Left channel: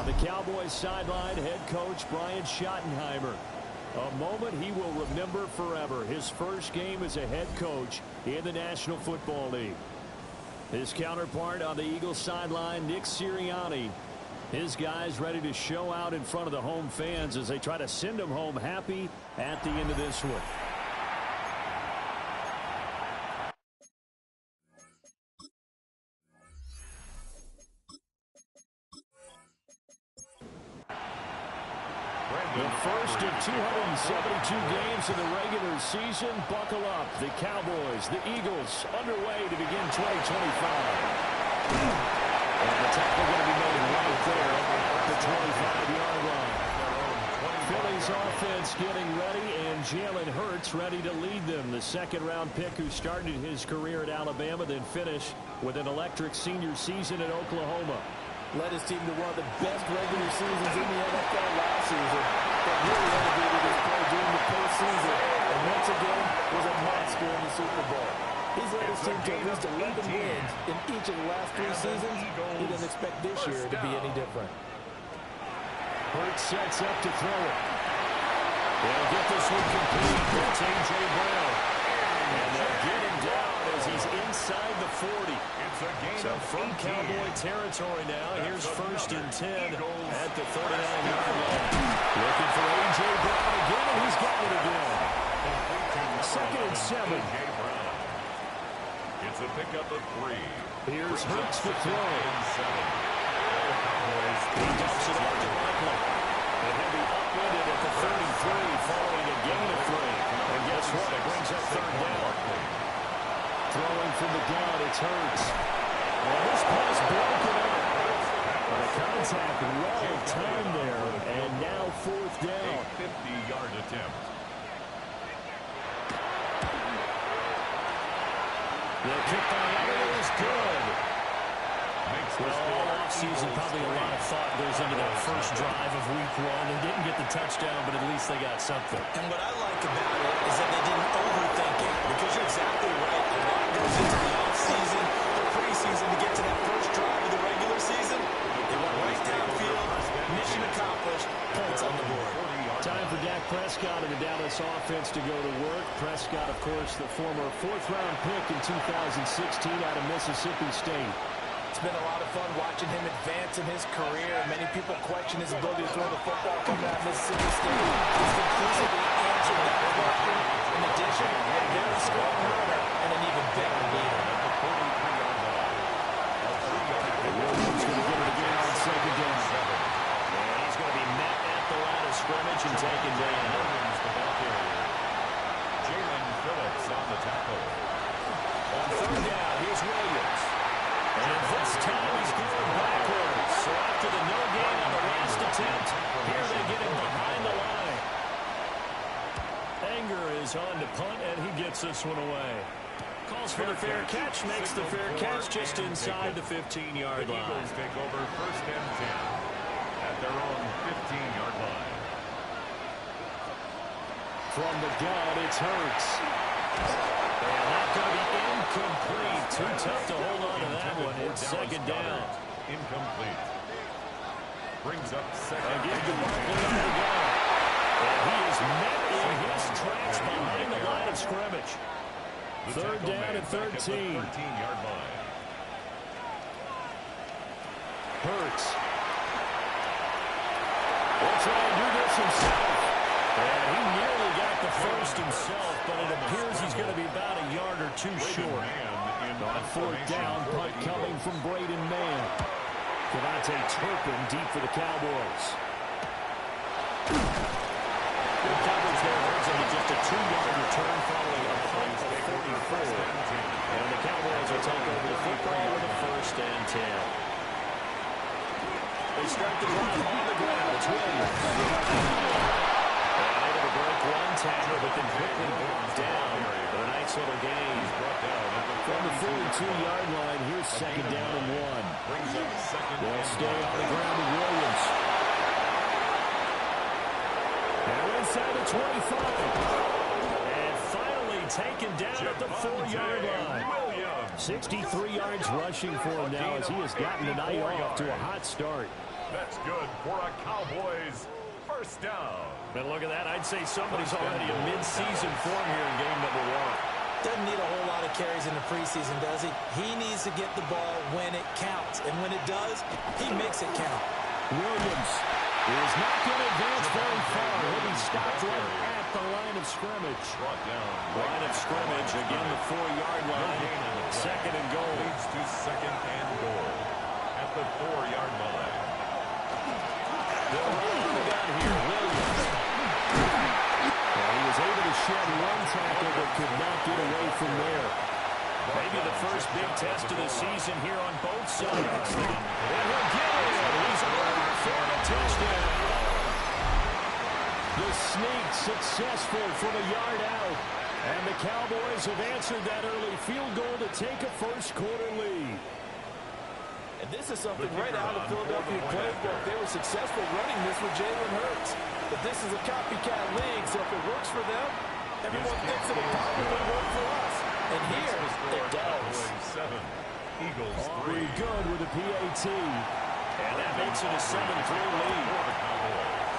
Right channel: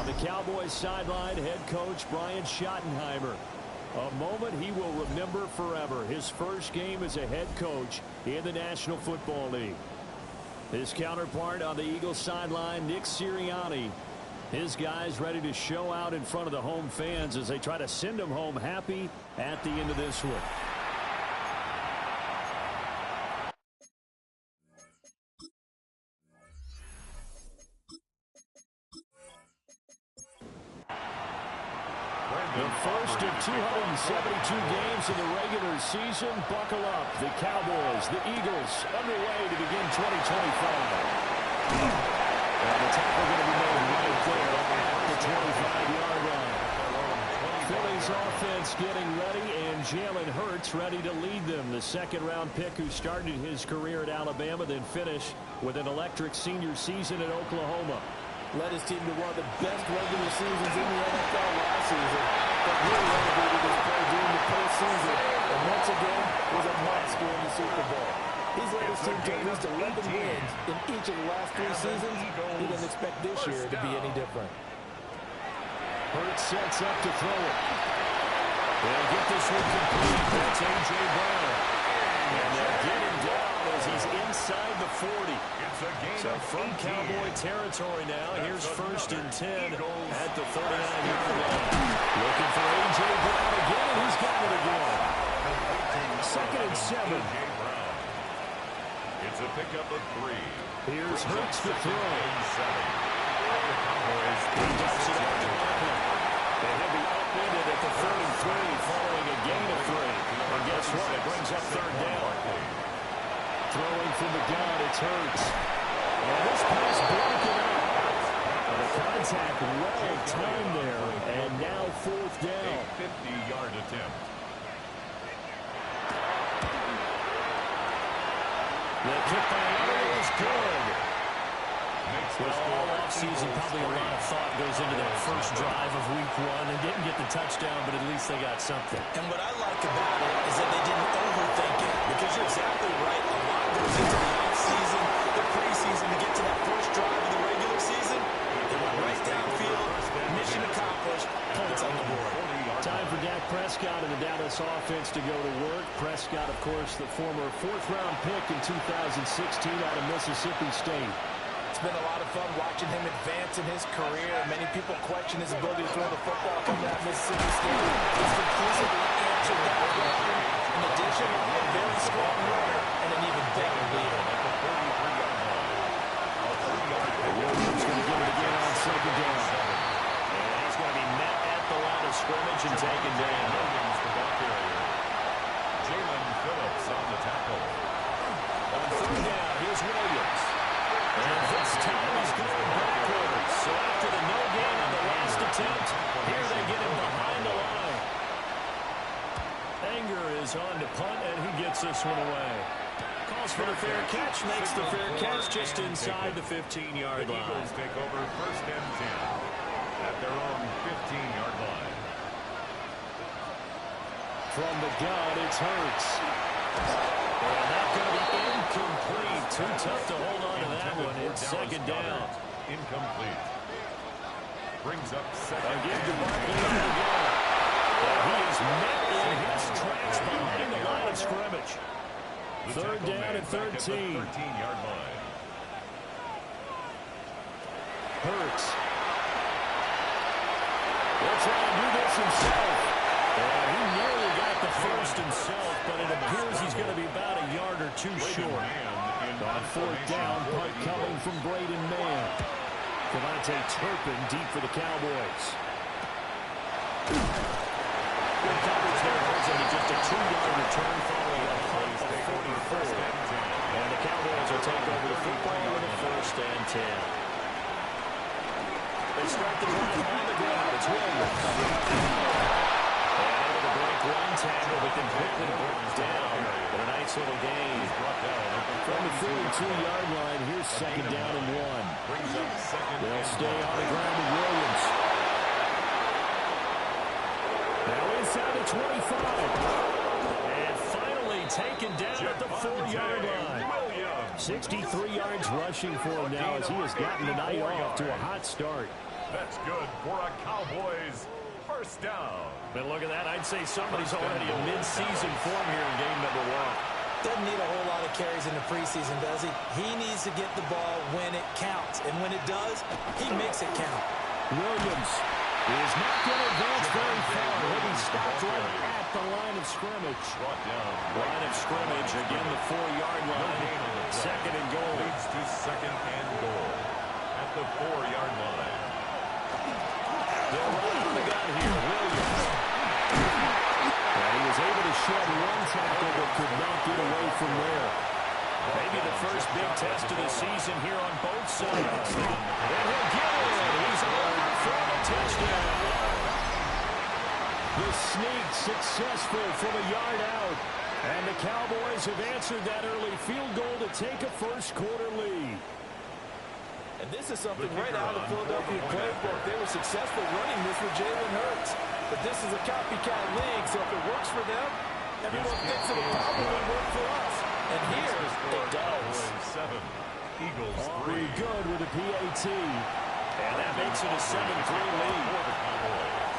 On the Cowboys sideline, head coach Brian Schottenheimer. A moment he will remember forever. His first game as a head coach in the National Football League. His counterpart on the Eagles sideline, Nick Sirianni. His guys ready to show out in front of the home fans as they try to send them home happy at the end of this one. The first of 272 games in the regular season. Buckle up. The Cowboys, the Eagles, underway to begin 2025. And the tackle going to be made right there at the 25-yard line. Philly's offense getting ready, and Jalen Hurts ready to lead them. The second-round pick who started his career at Alabama, then finished with an electric senior season at Oklahoma. Led his team to one of the best regular seasons in the NFL last season, but really elevated his play during the postseason, and once again was a monster in the Super Bowl. He's led his team to at least 11 wins in each of the last 3 seasons. He doesn't expect this year to be any different. Hurts sets up to throw it. They'll get this one complete. That's A.J. Brown. And they'll get him down as he's inside the 40. So from Cowboy territory now, here's first and 10 at the 39-yard line. Looking for A.J. Brown again, and he's got it again. Second and 7. It's a pickup of 3. Here's Hurts to throw. He dumps it off to Barkley. And he'll be upended at the 33 following a gain of 3. And guess what? It brings up third down. Throwing from the gun, it's Hurts. And this pass broken up. But a contact well timed there. And now fourth down. A 50-yard attempt. The kick by Elliott is good. Well, all offseason, probably a lot of thought goes into that first drive of week 1. They didn't get the touchdown, but at least they got something. And what I like about it is that they didn't overthink it, because you're exactly right. A lot goes into the offseason, the preseason, to get to that first drive of the regular season. They went right downfield, mission accomplished, points on the board. Time for Dak Prescott and the Dallas offense to go to work. Prescott, of course, the former 4th-round pick in 2016 out of Mississippi State. It's been a lot of fun watching him advance in his career. Many people question his ability to throw the football coming out of Mississippi State. He's conclusively answered that question. In addition, a very strong runner and an even better leader. At the 43-yard line. Williams going to get it again on second down. And he's going to be met at the line of scrimmage and taken down. Williams, the ball carrier. Jalen Phillips on the tackle. On third down, here's Williams. And this time he's going backwards. So after the no gain on the last attempt, here they get him behind the line. Anger is on to punt, and he gets this one away. Calls for the fair catch, makes the fair catch just inside the 15-yard line. The Eagles take over first and 10 at their own 15-yard line. From the gun, it's Hurts. And that's going to be incomplete. Too tough to hold on to that one. It's second down. Incomplete. Brings up second. Again to Barkley on the gun. And he is met in his tracks behind the line of scrimmage. Third down and 13. 13-yard line. Hurts. Will try and do this himself. And he nearly got the first himself, but it appears he's going to be about a yard or 2 short. On fourth down, punt coming from Braden Mann. Devontae Turpin deep for the Cowboys. Good coverage there, holds into just a 2-yard return following a punt of 44. And the Cowboys will take over the football with a first and 10. They start the drive on the ground. It's Williams. And able to break one tackle, but then quickly brought down. But a nice little gain. From the 42-yard line, here's second down and 1. They'll stay on the ground with Williams. Now inside the 25. And finally taken down at the 4-yard line. 63 yards rushing for him now as he has gotten the night off to a hot start. That's good for a Cowboys first down. But look at that. I'd say somebody's already in mid-season form here in game number 1. Doesn't need a whole lot of carries in the preseason, does he? He needs to get the ball when it counts. And when it does, he makes it count. Williams is not going to advance very far. He'll be stopped right at the line of scrimmage. Line of scrimmage, again the 4-yard line. Second and goal. Leads to second and goal at the 4-yard line. They'll run on the gun here. Williams. And he was able to shed one tackle but could not get away from there. Maybe the first big test of the season here on both sides. And he'll get it. He's over for the touchdown. The sneak successful from a yard out. And the Cowboys have answered that early field goal to take a first-quarter lead. And this is something right out of the Philadelphia playbook. They were successful running this with Jalen Hurts. But this is a copycat league, so if it works for them, everyone thinks it'll probably work for us. And here, it does. 7, Eagles 3. Very good with a PAT. And that makes it a 7-3 lead. For the Cowboys.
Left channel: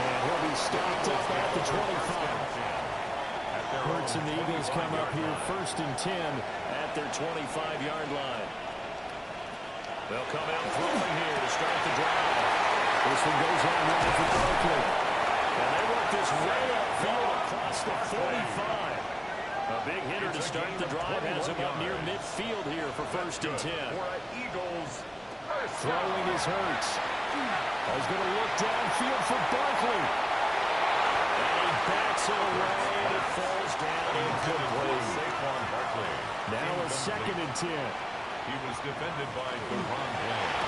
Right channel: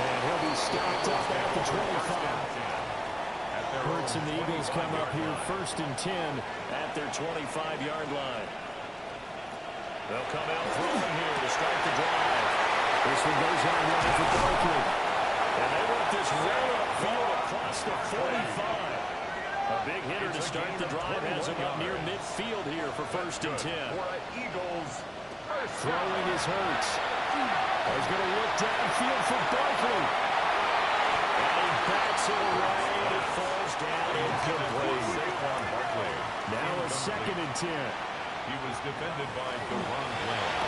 And he'll be stopped up at the 25. Hurts and the Eagles come up here first and 10 at their 25-yard line. They'll come out throwing here to start the drive. This one goes on wide for Barkley. And they work this way upfield across the 45. A big hitter to start the drive has him up near midfield here for first and 10. Eagles. Throwing is Hurts. He's going to look downfield for Barkley. And he backs it away, and it falls down incomplete. Now a second and 10. He was defended by Deron Bland.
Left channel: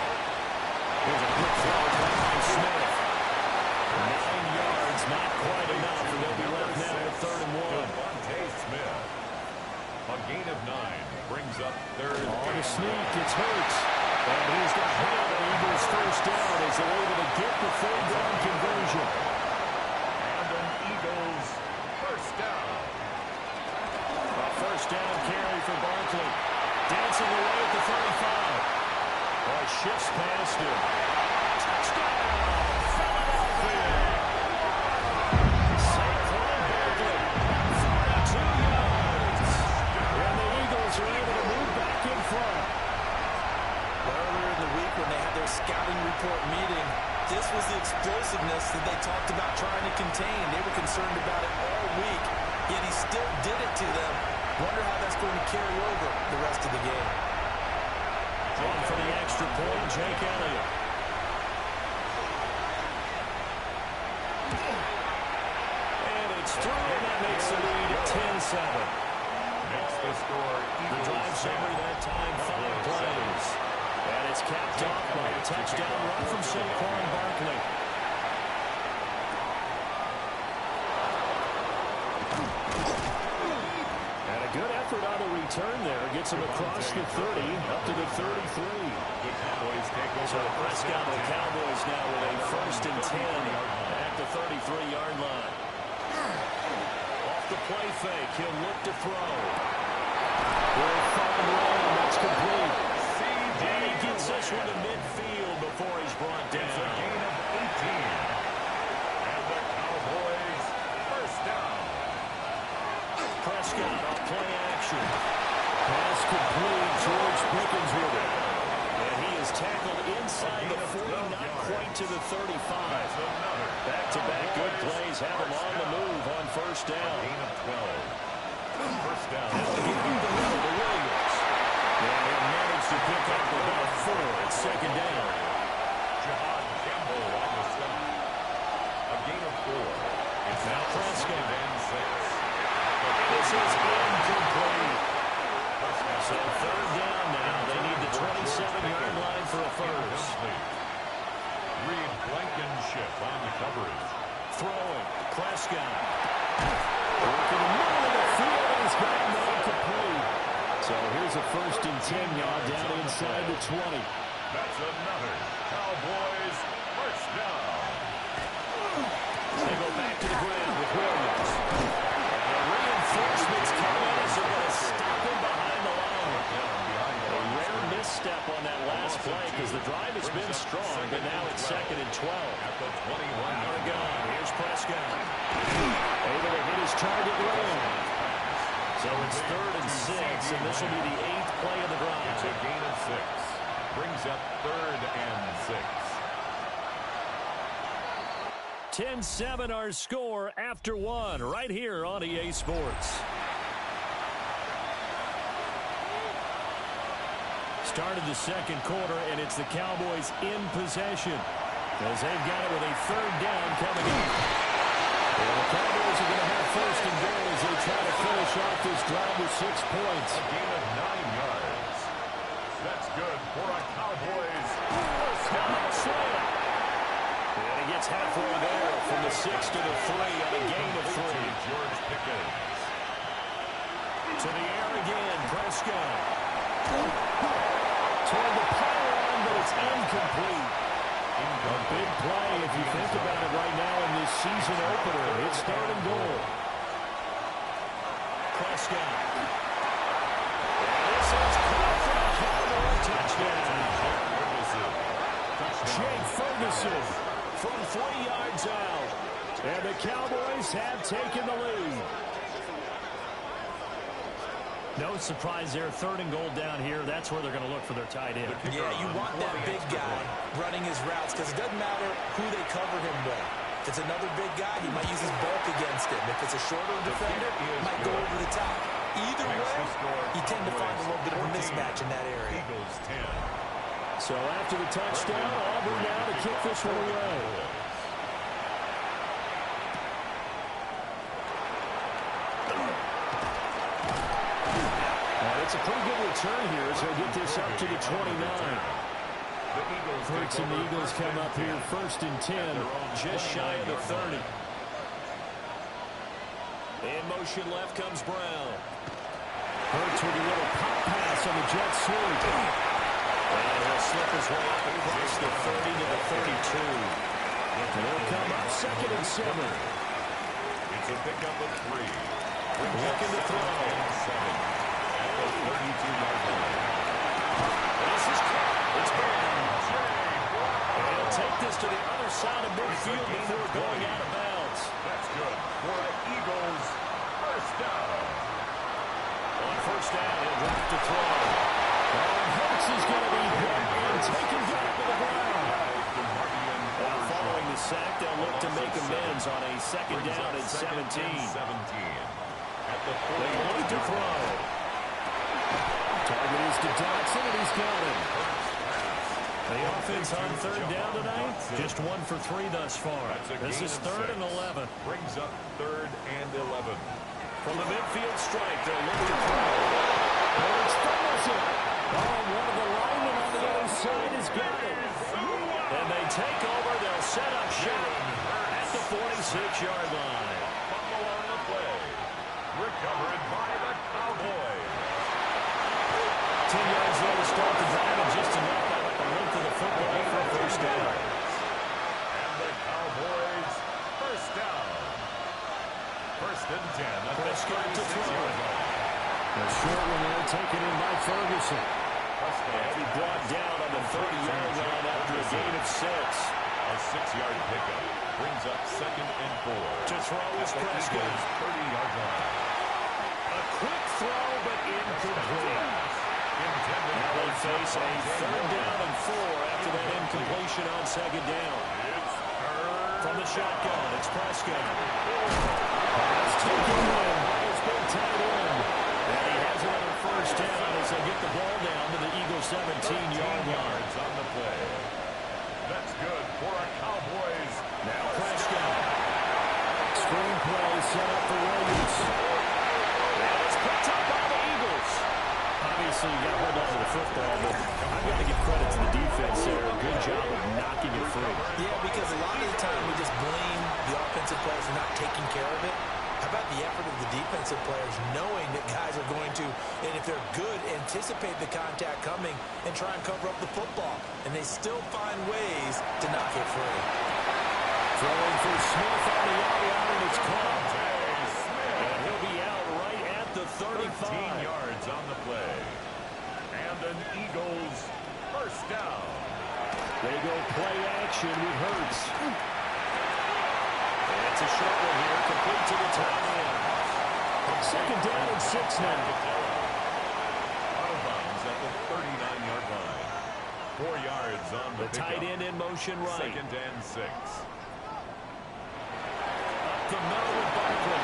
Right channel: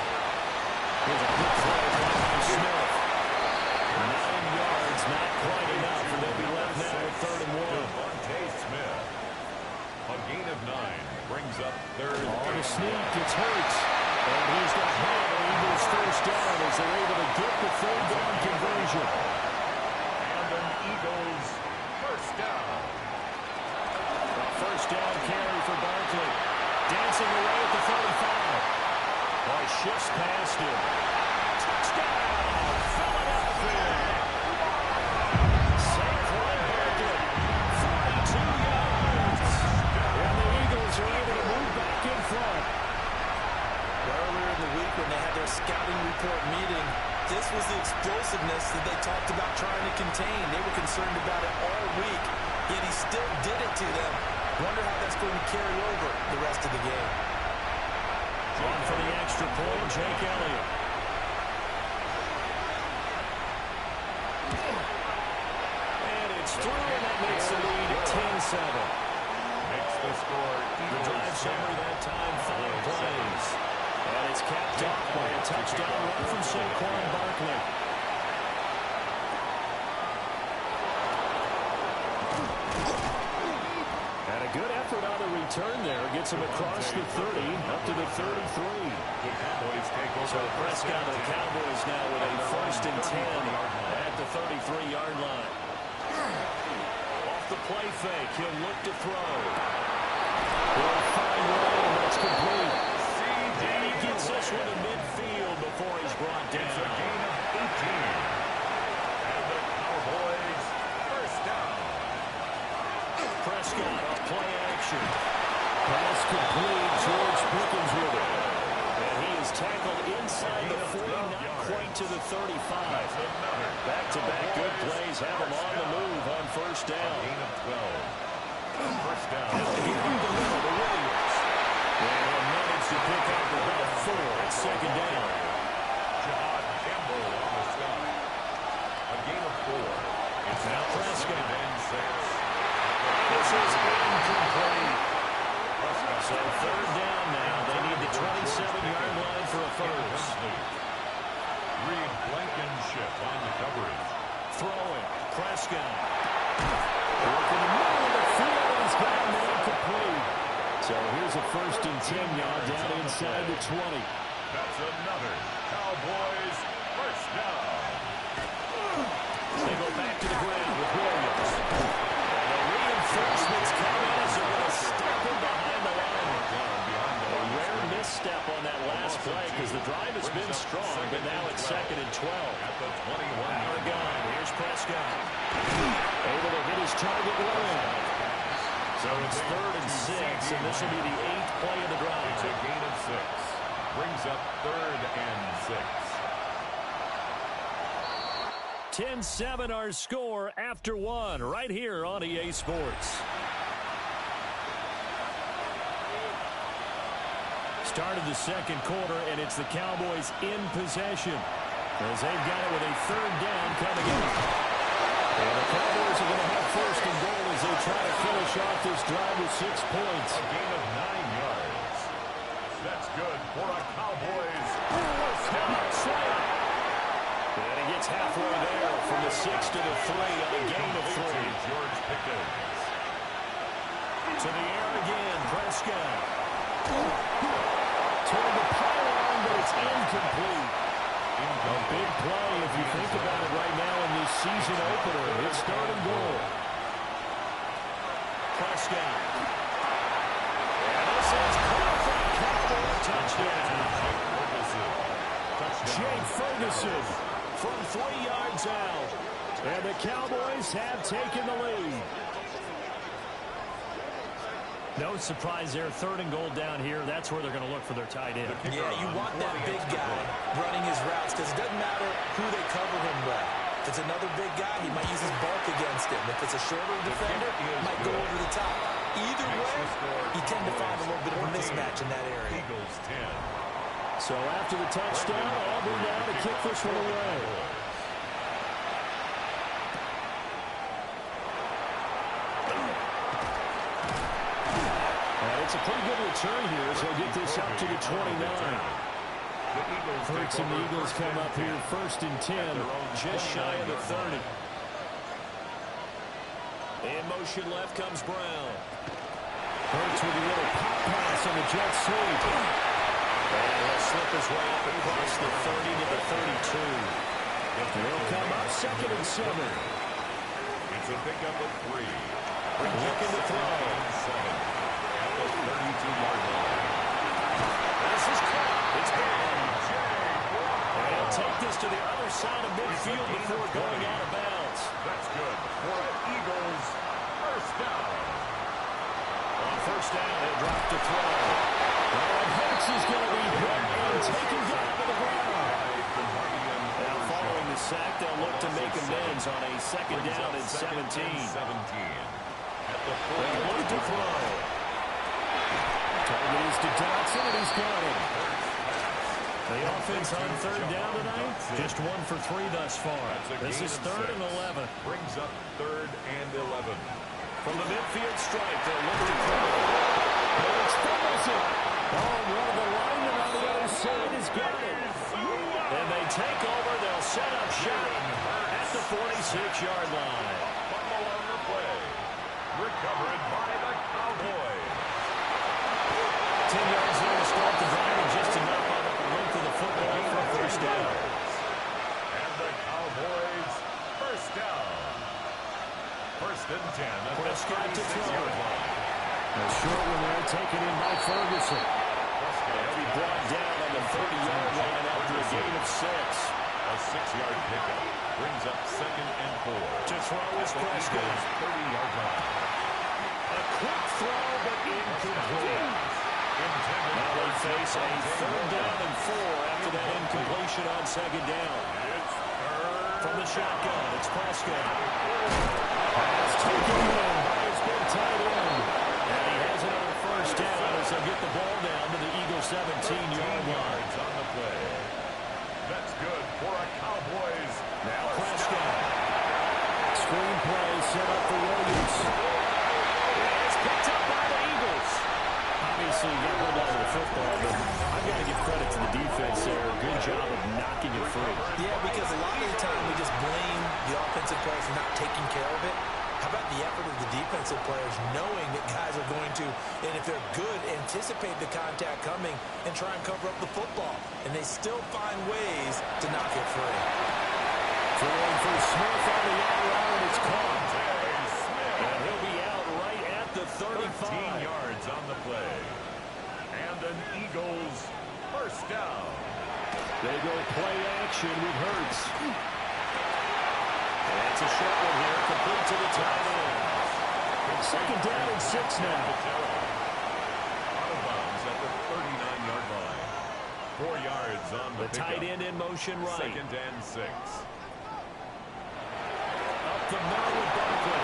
Here's a quick throw by Smith. 9 yards, not quite enough, and they'll be left now with 3rd and 1. Devontae Smith. A gain of 9 brings up 3rd. On the sneak, it's Hurts. And he's going to have an Eagles first down as they're able to get the 3rd down conversion. And an Eagles first down. A first down carry for Barkley. Dancing away at the 35. Oh, shifts past him. Touchdown, Philadelphia. Saquon Barkley, 42 yards. And the Eagles are able to move back in front. Earlier in the week when they had their scouting report meeting, this was the explosiveness that they talked about trying to contain. They were concerned about it all week, yet he still did it to them. Wonder how that's going to carry over the rest of the game. On for the extra point, Jake Elliott. And it's through, and that makes the lead at 10-7. Makes the score The drive summary that time, 5 plays. And it's capped off by a touchdown run from Saquon Barkley. And a good effort on the return there. Gets him across the 30, up to the 33. The Cowboys take over. So Prescott of the Cowboys now with a first and 10 at the 33-yard line. Off the play fake, he'll look to throw. He'll find Ray, that's complete. And he gets this one to midfield before he's brought down. It's a gain of 18. And the Cowboys first down. Prescott on play action. Pass complete. George Pickens with it. And he is tackled inside the 40, not quite to the 35. Back-to-back good plays have him on the move on first down. Gain of 12. First down. Getting the middle to Williams. And he'll manage to pick up about 4 at second down. Jihad Campbell on the stop. A gain of 4. It's Now Prescott. And 6. This is incomplete. So third down now. They need the 27-yard line for a first. Reed Blankenship on the coverage. Throwing. Prescott. Working the middle of the field, and he's got him incomplete. So here's a first and 10 yard down inside the 20. That's another Cowboys first First down. They go back to the ground with Williams. And the reinforcements come in as they're going to stop him behind the line. A rare misstep on that last play because the drive has been strong, but now it's 2nd and 12. At the 21. Out of gun. Here's Prescott. Able to hit his target well. So it's 3rd and 6, and this will be the 8th play of the drive. It's a gain of 6. Brings up 3rd and 6. 10-7 our score after 1 right here on EA Sports. Started the 2nd quarter, and it's the Cowboys in possession as they've got it with a 3rd down coming up. And the Cowboys are going to have 1st and goal as they try to finish off this drive with 6 points. A gain of 9 yards. That's good for a Cowboys first down. Slam. And he gets halfway there from the 6 to the 3 on a gain of 3. George Pickens. To the air again, Prescott. Toward the pylon, but it's incomplete. A big play if you think about it right now in this season opener. It's 3rd and goal. Prescott. And this is caught for a Cowboy touchdown. Jake Ferguson from 3 yards out. And the Cowboys have taken the lead. No surprise there. 3rd and goal down here. That's where they're going to look for their tight end. Yeah, you want that big guy running his routes because it doesn't matter who they cover him with. If it's another big guy, he might use his bulk against him. If it's a shorter defender, he might go over the top. Either way, you tend to find a little bit of a mismatch in that area. Eagles 10. So after the touchdown, Auburn now to kick this one away. It's a pretty good return here as he'll get this up to the 29. Hurts and the Eagles come up here 1st and 10, just shy of the 30. In motion left comes Brown. Hurts with a little pop pass on the jet sweep. And he'll slip his way up across the 30 to the 32. And he'll come up 2nd and 7. It's a pickup of 3. Looking to throw. 7. At the 32-yard line. This is caught. It's good. And he'll take this to the other side of midfield before going out of bounds. That's good for an Eagles first down. On 1st down, he'll drop to throw. And Hurts is going to be hit and taken down to the ground. Now following the sack, they'll look to make amends on a 2nd down and 17. At the 40. They look to throw. Target is to Dotson, and he's got him. The offense on 3rd down tonight, just 1 for 3 thus far. This is 3rd and 11. Brings up 3rd and 11. From the midfield stripe, they'll look to throw. Hurts fumbles it. Oh, one of the linemen on the other side has got it. And they take over. They'll set up shop at the 46-yard line. Fumble on the play. Recovered by the Cowboys. 10 yards there to start the drive, and just enough by the length of the football for a 1st down. And the Cowboys first down. 1st and 10 at the 36-yard line. A short one there taken in by Ferguson. He'll be brought down on the 30-yard line after a gain of 6. A 6-yard pickup brings up 2nd and 4. To throw is Prescott. 30-yard line. A quick throw, but incomplete. Now they face a 3rd down and 4 after that incompletion on 2nd down. From the shotgun, it's Prescott. Pass taken in by his big tight end. And he has another 1st down as they'll get the ball down to the Eagles' 17-yard line. On the play. That's good for a Cowboys. Now Prescott. Screen play set up for Williams. And it's picked up by the Eagles. Obviously, you got to hold on to the football, but I've got to give credit to the defense there. Good job of knocking it free. Yeah, because a lot of the time we just blame the offensive players for not taking care of it. How about the effort of the defensive players knowing that guys are going to, and if they're good, anticipate the contact coming and try and cover up the football. And they still find ways to knock it free. Throwing for Smith on the out route, and it's caught. And he'll be out right at the 35. 13 yards on the play. And an Eagles first down. They go play action with Hurts. And it's a short one here, complete to the tight end. Second down and 6 now. Out of bounds at the 39-yard line. 4 yards on the tight end in motion right. Second and 6. Up the middle with Barkley.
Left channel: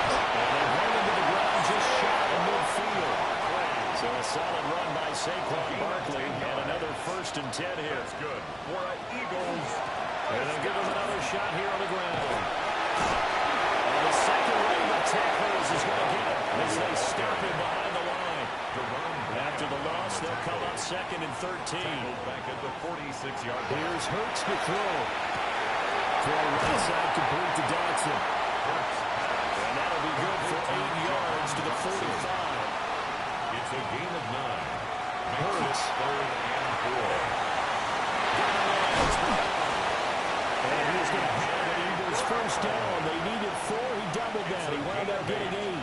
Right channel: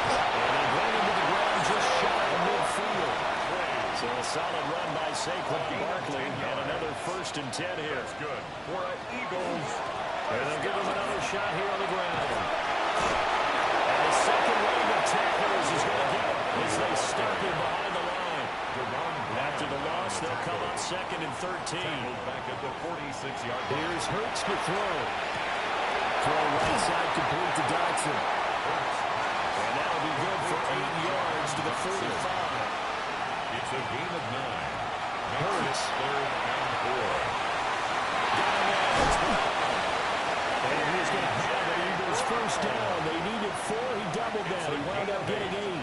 And they bring him to the ground just shy of midfield. So a solid run by Saquon Barkley and another 1st and 10 here. That's good for an Eagles. And they'll give him another shot here on the ground. And the second wave of tacklers is going to get him as they stop him behind the line. After the loss, they'll come up 2nd and 13. Back at the 46-yard line. Here's Hurts to throw. Throw right side complete to Dotson. And that'll be good for 8 yards to the 45. It's a gain of 9. Hurts. 3rd and 4. And he's going to have an Eagles first down. They needed 4. He doubled that. He wound up getting 8.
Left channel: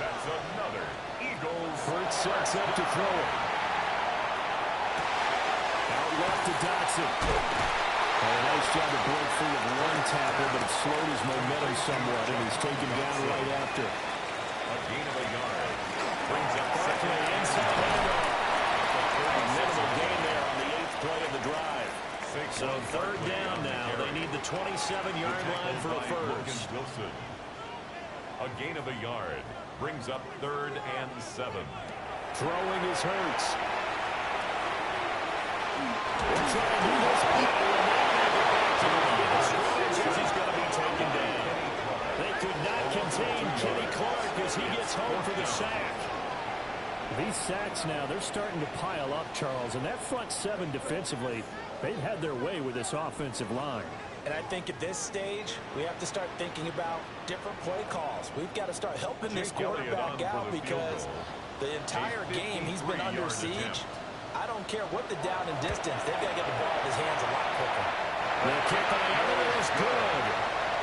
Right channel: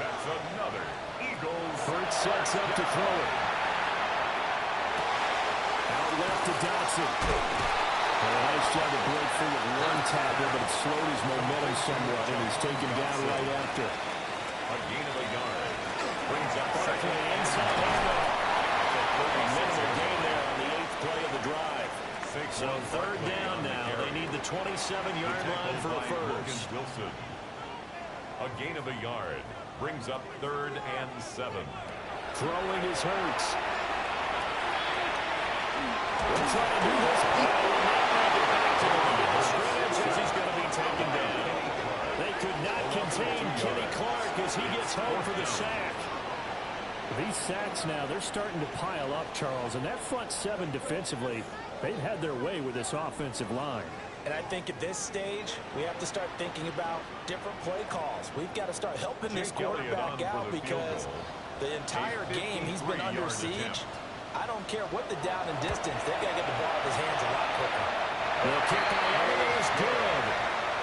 That's another Eagles. Hurts sets up to throw it. Out left to Dotson. And a nice job to break free of one tackle, but it slowed his momentum somewhat, and he's taken down right after. A gain of a yard. Brings up Barkley inside handoff. A minimal gain there on the 8th play of the drive. So 3rd down now. They need the 27-yard line for a first. Wilson. A gain of a yard. Brings up 3rd and 7. Throwing is Hurts. They're trying to do this. Will not make it back to the line of scrimmage as he's going to be taken down. They could not contain Kenny Clark as he gets home for the sack. These sacks now, they're starting to pile up, Charles, and that front 7 defensively, they've had their way with this offensive line. And I think at this stage, we have to start thinking about different play calls. We've got to start helping this quarterback out because the entire game he's been under siege. I don't care what the down and distance. They've got to get the ball out of his hands a lot quicker. The kick by Everett is good.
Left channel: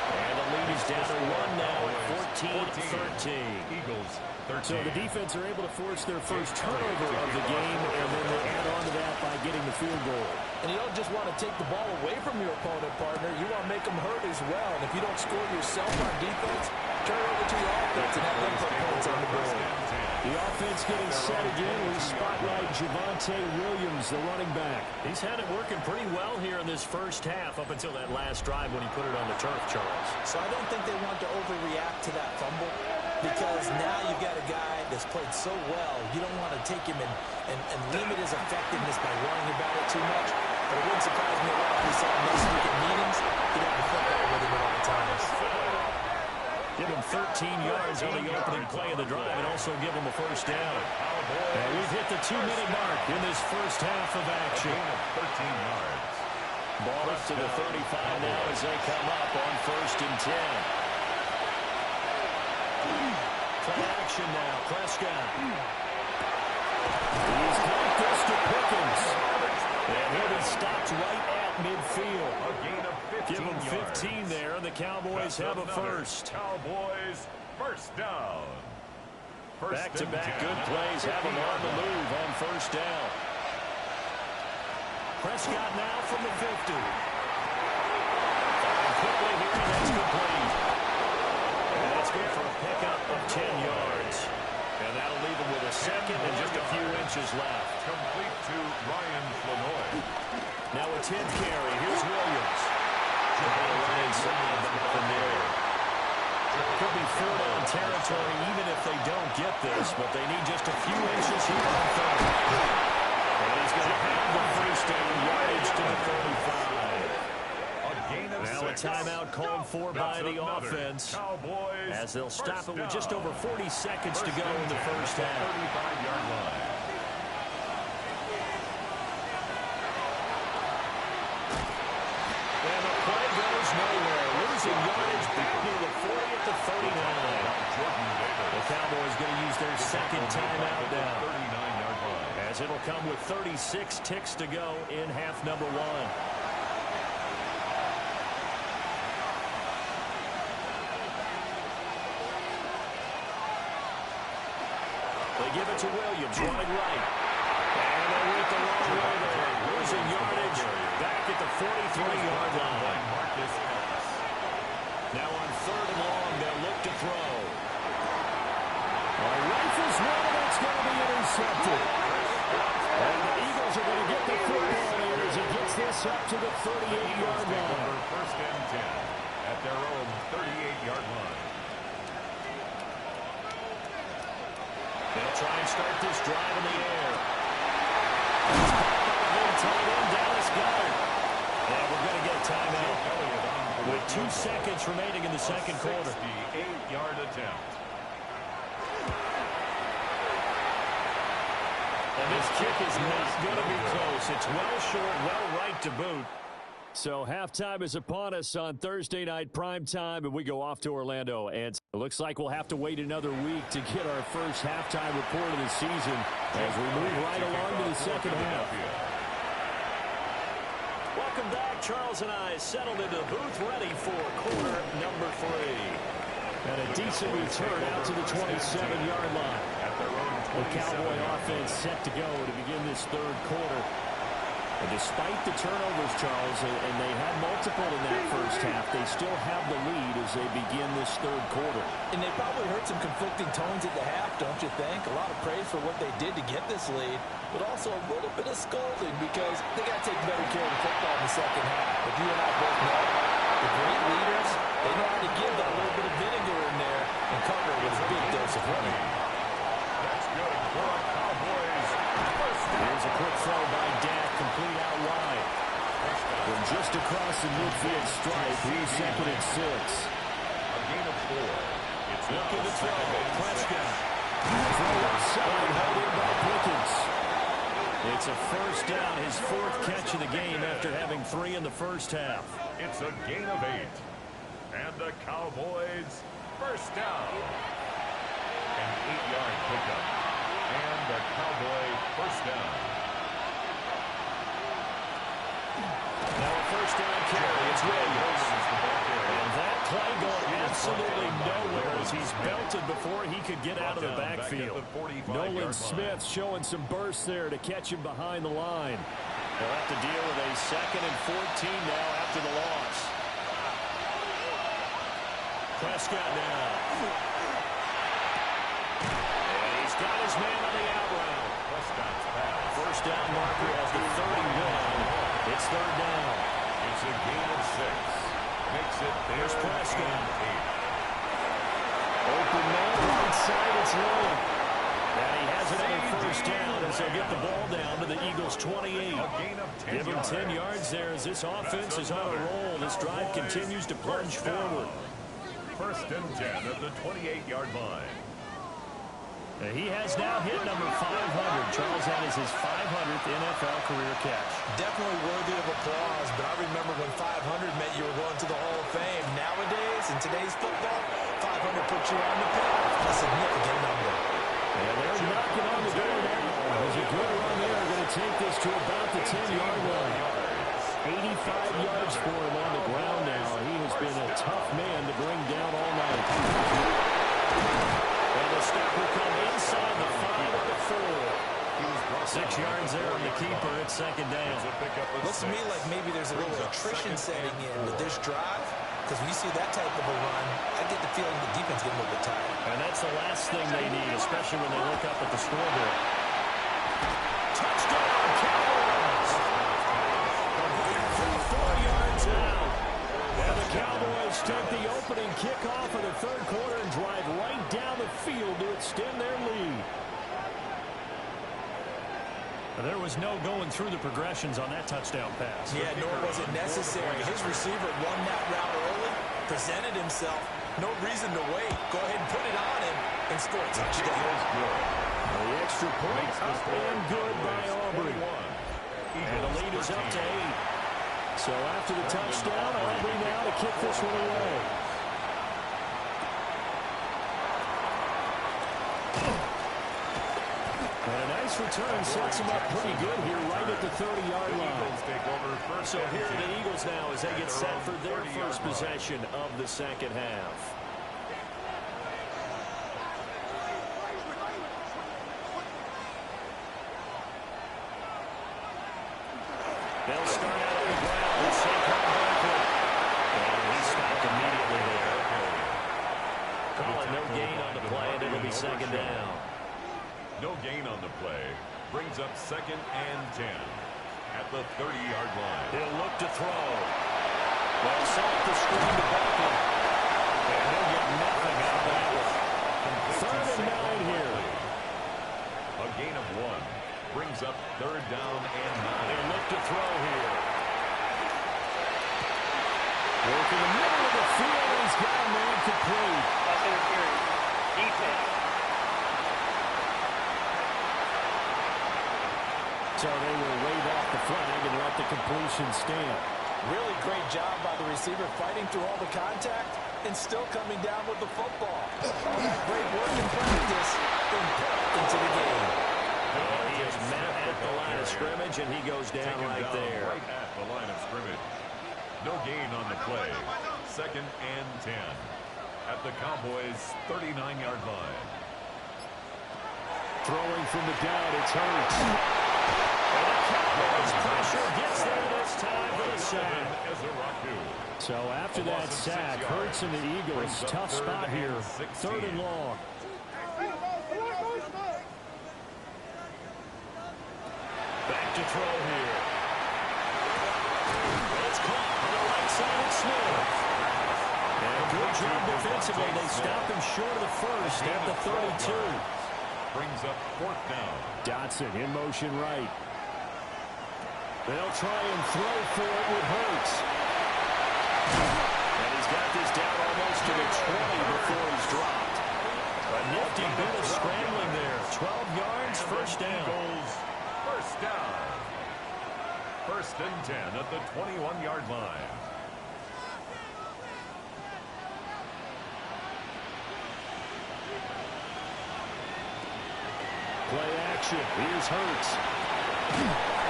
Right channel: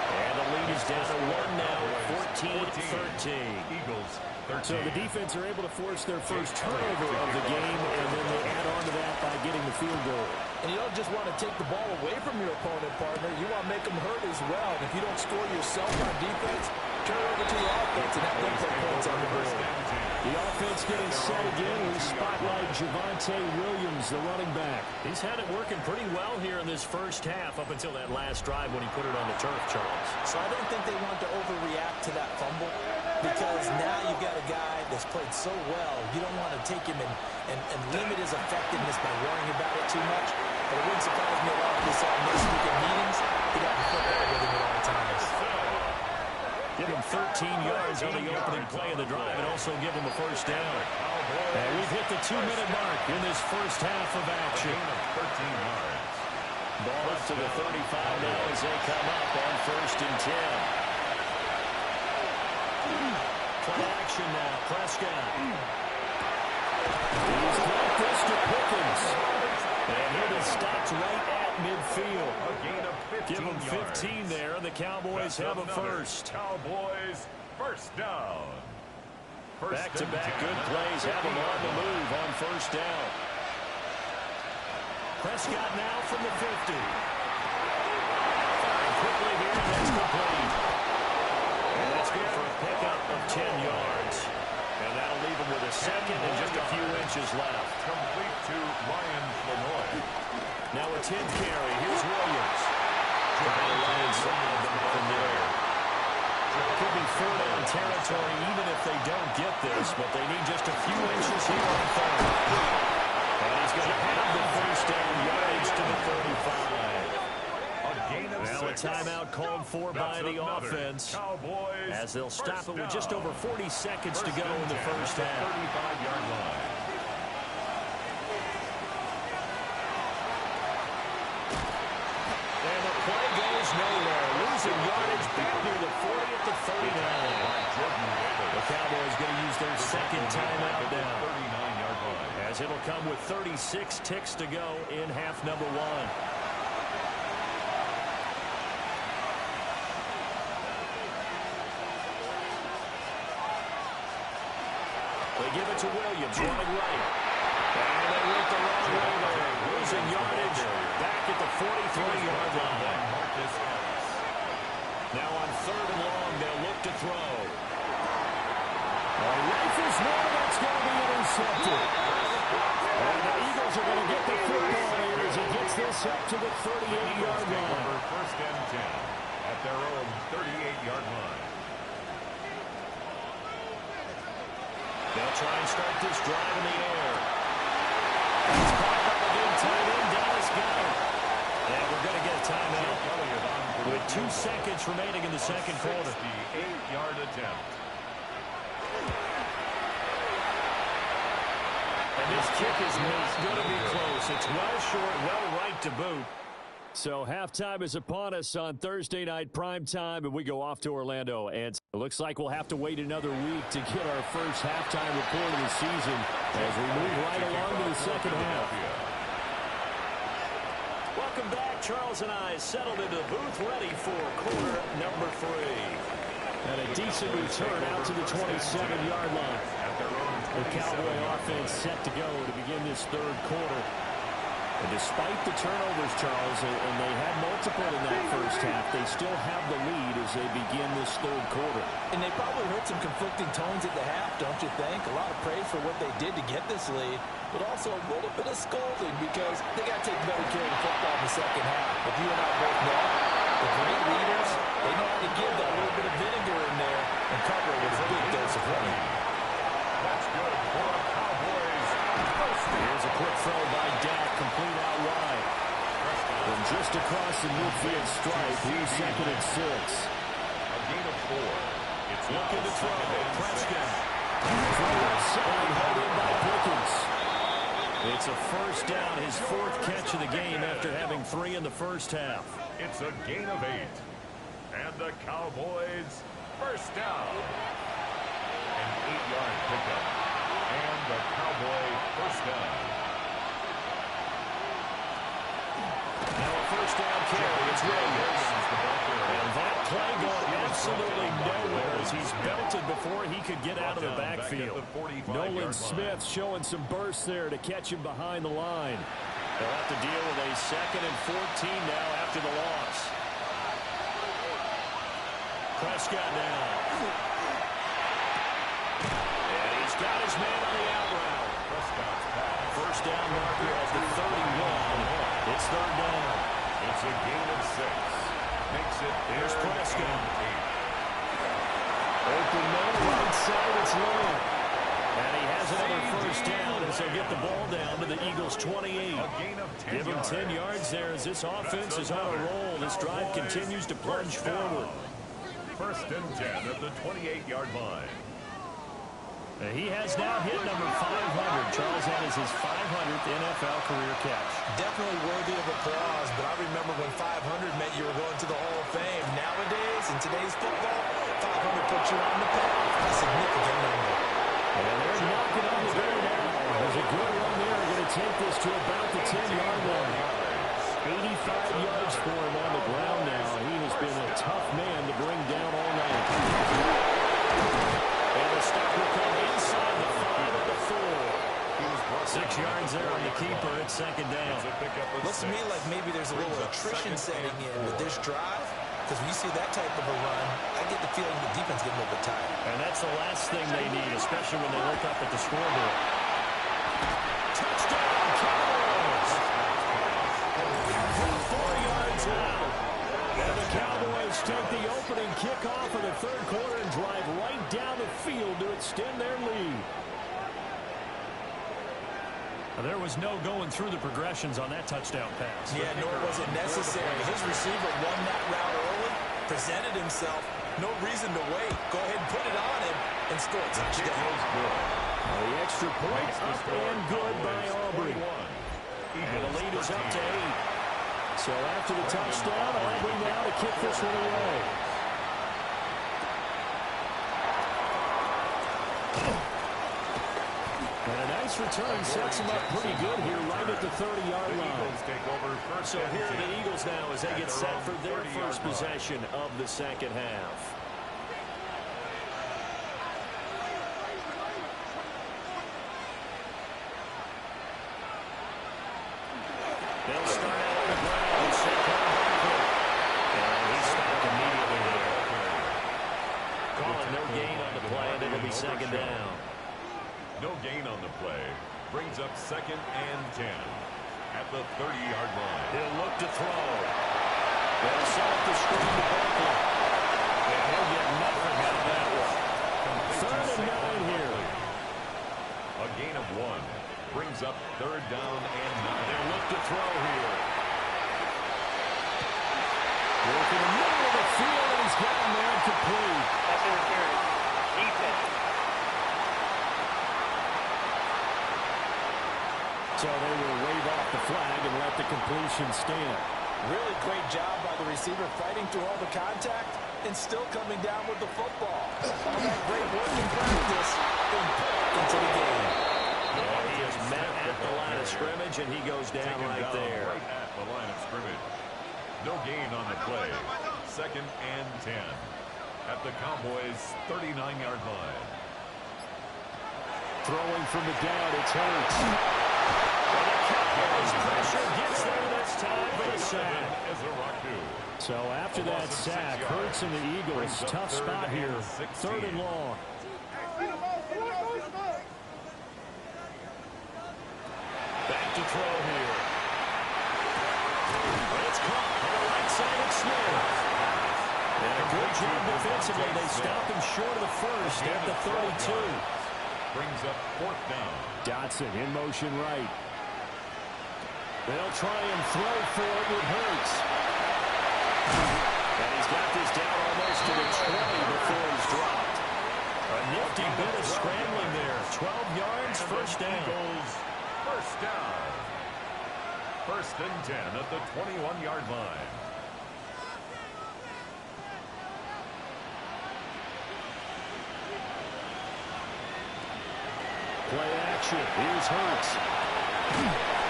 And the lead is down to 1 now at 14-13. Eagles 13. So the defense are able to force their first turnover of the game, and then they add on to that by getting the field goal. And you don't just want to take the ball away from your opponent, partner. You want to make them hurt as well. And if you don't score yourself on defense, turn it over to your offense and have them put points on the board. The offense getting set again. We spotlight Javonte Williams, the running back. He's had it working pretty well here in this first half up until that last drive when he put it on the turf, Charles. So I don't think they want to overreact to that fumble because now you've got a guy that's played so well. You don't want to take him and limit his effectiveness by worrying about it too much. But it wouldn't surprise me a lot if we saw him next week at meetings. He'd have the football with him at all times. Give him 13 yards on the opening play of the drive and also give him a first down. And we've hit the 2-minute mark in this first half of action. 13 yards. Ball up to the 35 now as they come up on 1st and 10. Play action now. Prescott. He's got this to Pickens. And he'll be stopped right at midfield. A gain of 15 Give him 15 yards. there, and the Cowboys have a first. Cowboys first down. Back-to-back good plays have them on the move on first down. Prescott now from the 50. Firing quickly here, and that's complete. And that's good for a pickup of 10 yards. And that'll leave him with a second and just a few inches left. Complete to Ryan Flanoy. Now a 10th carry. Here's Williams. Trying to run inside, but nothing there. Could be 4-down territory even if they don't get this, but they need just a few inches here on 3rd. And he's going to have the first down yardage to the 35. Now a timeout called for by the offense Cowboys as they'll stop it with just over 40 seconds to go in the first half. 35-yard line. And the play goes nowhere. losing yardage back near the 40 at the 39. The Cowboys going to use their second timeout now. 39-yard line. As it'll come with 36 ticks to go in half number 1. They give it to Williams, running right. And they went the wrong way there. Losing yardage back at the 43-yard line. Now on 3rd and long, they'll look to throw. Rifles one, and it's going to be intercepted. And the Eagles are going to get the football here as he gets this up to the 38-yard line. First and 10 at their own 38-yard line. They'll try and start this drive in the air. It's caught by the big tight end, Dallas Goedert. And we're going to get a timeout with 2 seconds remaining in the second quarter. 68-yard attempt. And this kick is not going to be close. It's well short, well right to boot. So halftime is upon us on Thursday night primetime, and we go off to Orlando. And it looks like we'll have to wait another week to get our first halftime report of the season as we move right along to the second half. Welcome back. Charles and I settled into the booth ready for quarter number 3. And a decent return out to the 27-yard line. The Cowboy offense set to go to begin this third quarter. And despite the turnovers, Charles, and they had multiple in that first half, they still have the lead as they begin this third quarter. And they probably heard some conflicting tones at the half, don't you think? A lot of praise for what they did to get this lead, but also a little bit of scolding because they got to take better care of the football in the second half. But you and I both know the great leaders, they know how to give that little bit of vinegar in there and cover it with a big dose of honey. That's good for a Cowboys first down. Here's a quick throw by Dak, complete out wide. From just across the midfield stripe, here's 2nd and 6. A gain of 4. It's looking to throw. Prescott. Throw left side, held in by Pickens. It's a first down, his 4th catch of the game after having 3 in the first half. It's a gain of 8. And the Cowboys first down. An 8-yard pickup. And the Cowboy first down. Now a first down carry. It's Williams. And that play going absolutely nowhere as he's belted before he could get out of the backfield. Nolan Smith showing some bursts there to catch him behind the line. They'll have to deal with a 2nd and 14 now after the loss. Prescott now. And he's got his man on the out route. Prescott's pass. First down marker at the 31. It's 3rd down. It's a gain of 6. Makes it There's Prescott. 8. Open man, right side, it's Lamb. And he has another first down as they'll get the ball down to the Eagles' 28. A gain of 10 Give him 10 yards there as this offense is on a roll. This drive continues to plunge forward. First and 10 at the 28-yard line. He has now hit number 500. Charles, that is his 500th NFL career catch. Definitely worthy of applause, but I remember when 500 meant you were going to the Hall of Fame. Nowadays, in today's football, 500 puts you on the path. A significant number. And they're knocking on the door now. There's a good run there. Going to take this to about the 10-yard line. 85 yards for him on the ground now. He has been a tough man to bring down all night. And the stop will come inside the 5 at the 4. 6 yards there on the keeper at 2nd down. Looks to me like maybe there's a little attrition setting in with this drive. Because when you see that type of a run, I get the feeling the defense getting a little bit tired. And that's the last thing they need, especially when they look up at the scoreboard. Touchdown, Cowboys! 4 yards out. And the Cowboys take the opening kickoff of the third quarter and drive right down the field to extend their lead. There was no going through the progressions on that touchdown pass. Yeah, nor was it necessary. His receiver won that route early, presented himself. No reason to wait. Go ahead and put it on him and score a touchdown. The extra point up and good by Aubrey. And the lead is up to 8. So after the touchdown, Aubrey now to kick this one away. And a nice return sets him up pretty good here right at the 30-yard line. So here are the Eagles now as they get set for their first possession of the second half. They'll start out on the ground with Saquon Barkley. And he stopped immediately there. Calling no gain on the play, and it'll be second down. No gain on the play. Brings up 2nd and 10 at the 30-yard line. He'll look to throw. They'll select the screen to Barkley. And he'll get nothing out of that one. 3rd and 9 here. A gain of 1. Brings up 3rd down and 9. They'll look to throw here. Work in the middle of the field, and he's got a man complete. That's interference. Defense. So they will wave off the flag and let the completion stand. Really great job by the receiver fighting through all the contact and still coming down with the football. All that great work in practice and put into the game. And he is met at the line of scrimmage, and he goes down right there. Right at the line of scrimmage. No gain on the play. 2nd and 10 at the Cowboys' 39-yard line. Throwing from the down, it's Hurts. And the Cowboys pressure gets there this time for the sack. So after that sack, Hurts and the Eagles, tough spot here. 3rd and long. Back to throw here. It's caught on the right side of Smith. And a good job defensively. They stopped him short of the first at the 32. Brings up 4th down. Dotson in motion right. They'll try and throw for it with Hurts. And he's got this down almost to the 20 before he's dropped. A nifty bit of scrambling there. 12 yards, first down. Eagles, first down. 1st and 10 at the 21-yard line. Play action. Here's Hurts.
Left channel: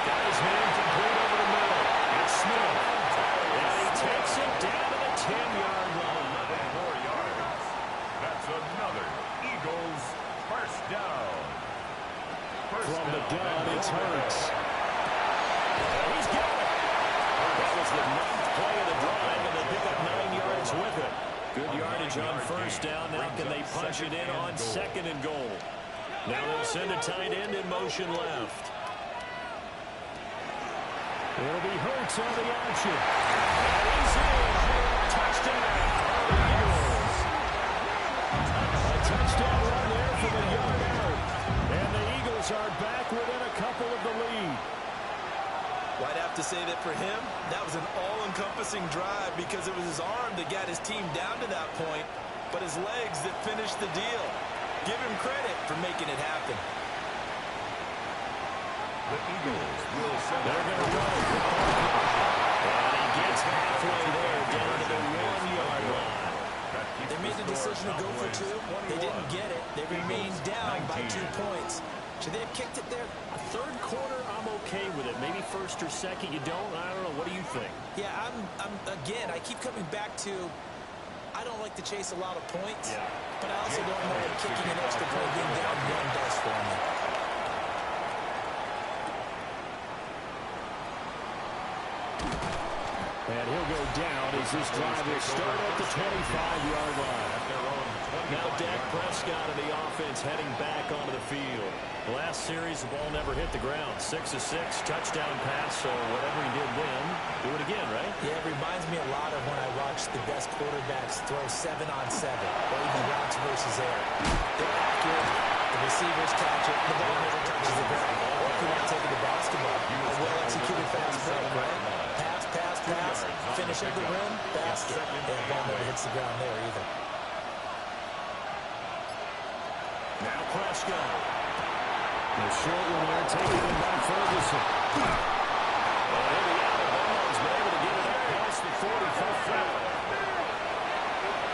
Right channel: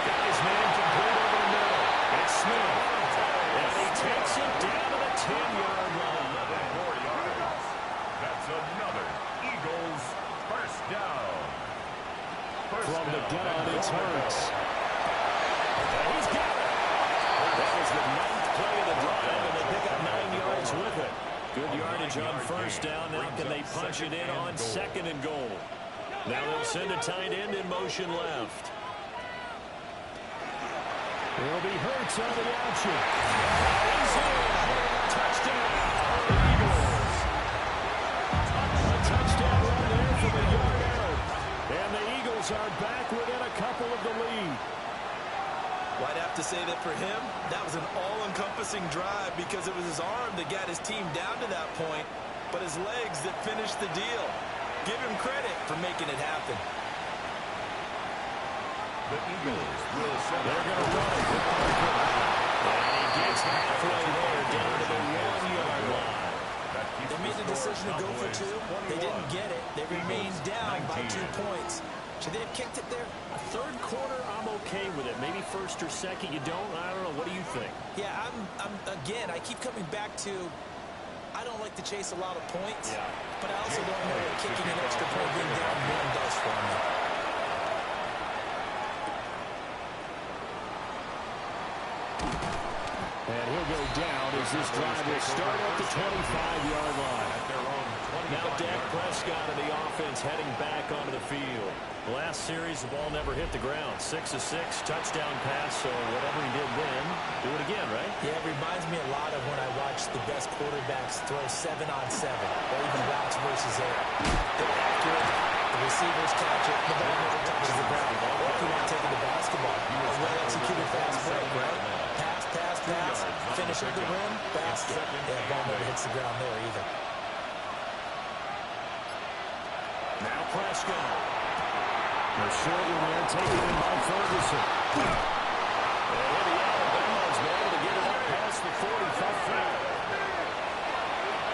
Got his man complete over the middle. It's Smith. And he takes it down to the 10-yard line. 11 more yards. That's another Eagles first down. From the gun, it's Hurts. And he's got it. That was the 9th play of the drive, and they pick up 9 yards with it. Good yardage on first down. Now can they punch it in on 2nd and goal? Now they'll send a tight end in motion left. It'll be Hurts on the option. And he's in. Touchdown, Eagles. A touchdown run there from a yard out. And the Eagles are back within a couple of the lead. Well, I'd have to say that for him, that was an all-encompassing drive because it was his arm that got his team down to that point, but his legs that finished the deal. Give him credit for making it happen. The Eagles will send. They're going to run it with Barkley. And he gets halfway there down to the 1-yard line. They made the decision to go for 2. They didn't get it. They remained down by 2 points. Should they have kicked it there? A 3rd quarter, I'm okay with it. Maybe 1st or 2nd, you don't. I don't know. What do you think? Yeah, again, I keep coming back to I don't like to chase a lot of points, but I also don't know what kicking an extra point being down 1 does for me. And he'll go down as this drive will start at the 25-yard line. Now Dak Prescott of the offense heading back onto the field. Last series, the ball never hit the ground. 6 of 6, touchdown pass, so whatever he did then, do it again, right? Yeah, it reminds me a lot of when I watched the best quarterbacks throw 7-on-7, or even routes versus air. They're accurate, the receivers catch it, the ball never touches the ground. Or if you want to take it to basketball, a well-executed fast break, right? Pass, finish at the rim, basket. Yeah, ball never hits the ground there either. Now Prescott. The short one there taken in by Ferguson. And he'll be out of bounds, but able to 45.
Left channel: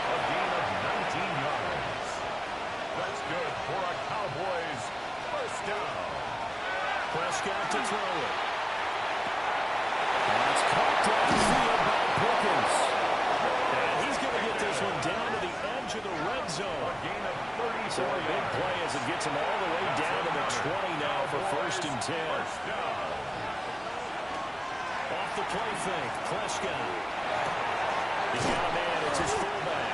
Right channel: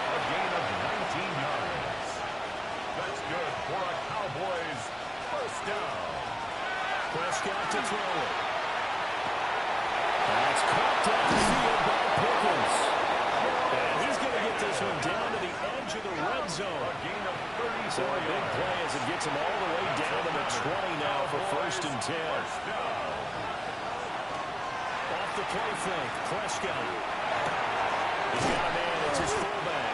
A gain of 19 yards. That's good for a Cowboys first down. Prescott to throw it. That's caught downfield by Pickens. And he's going to get this one down to the edge of the red zone. A gain of 34 So a big yards. play as it gets him all the way down to the 20 now for first and 10. First down. Off the play fake, Prescott. He's got a man, it's his fullback.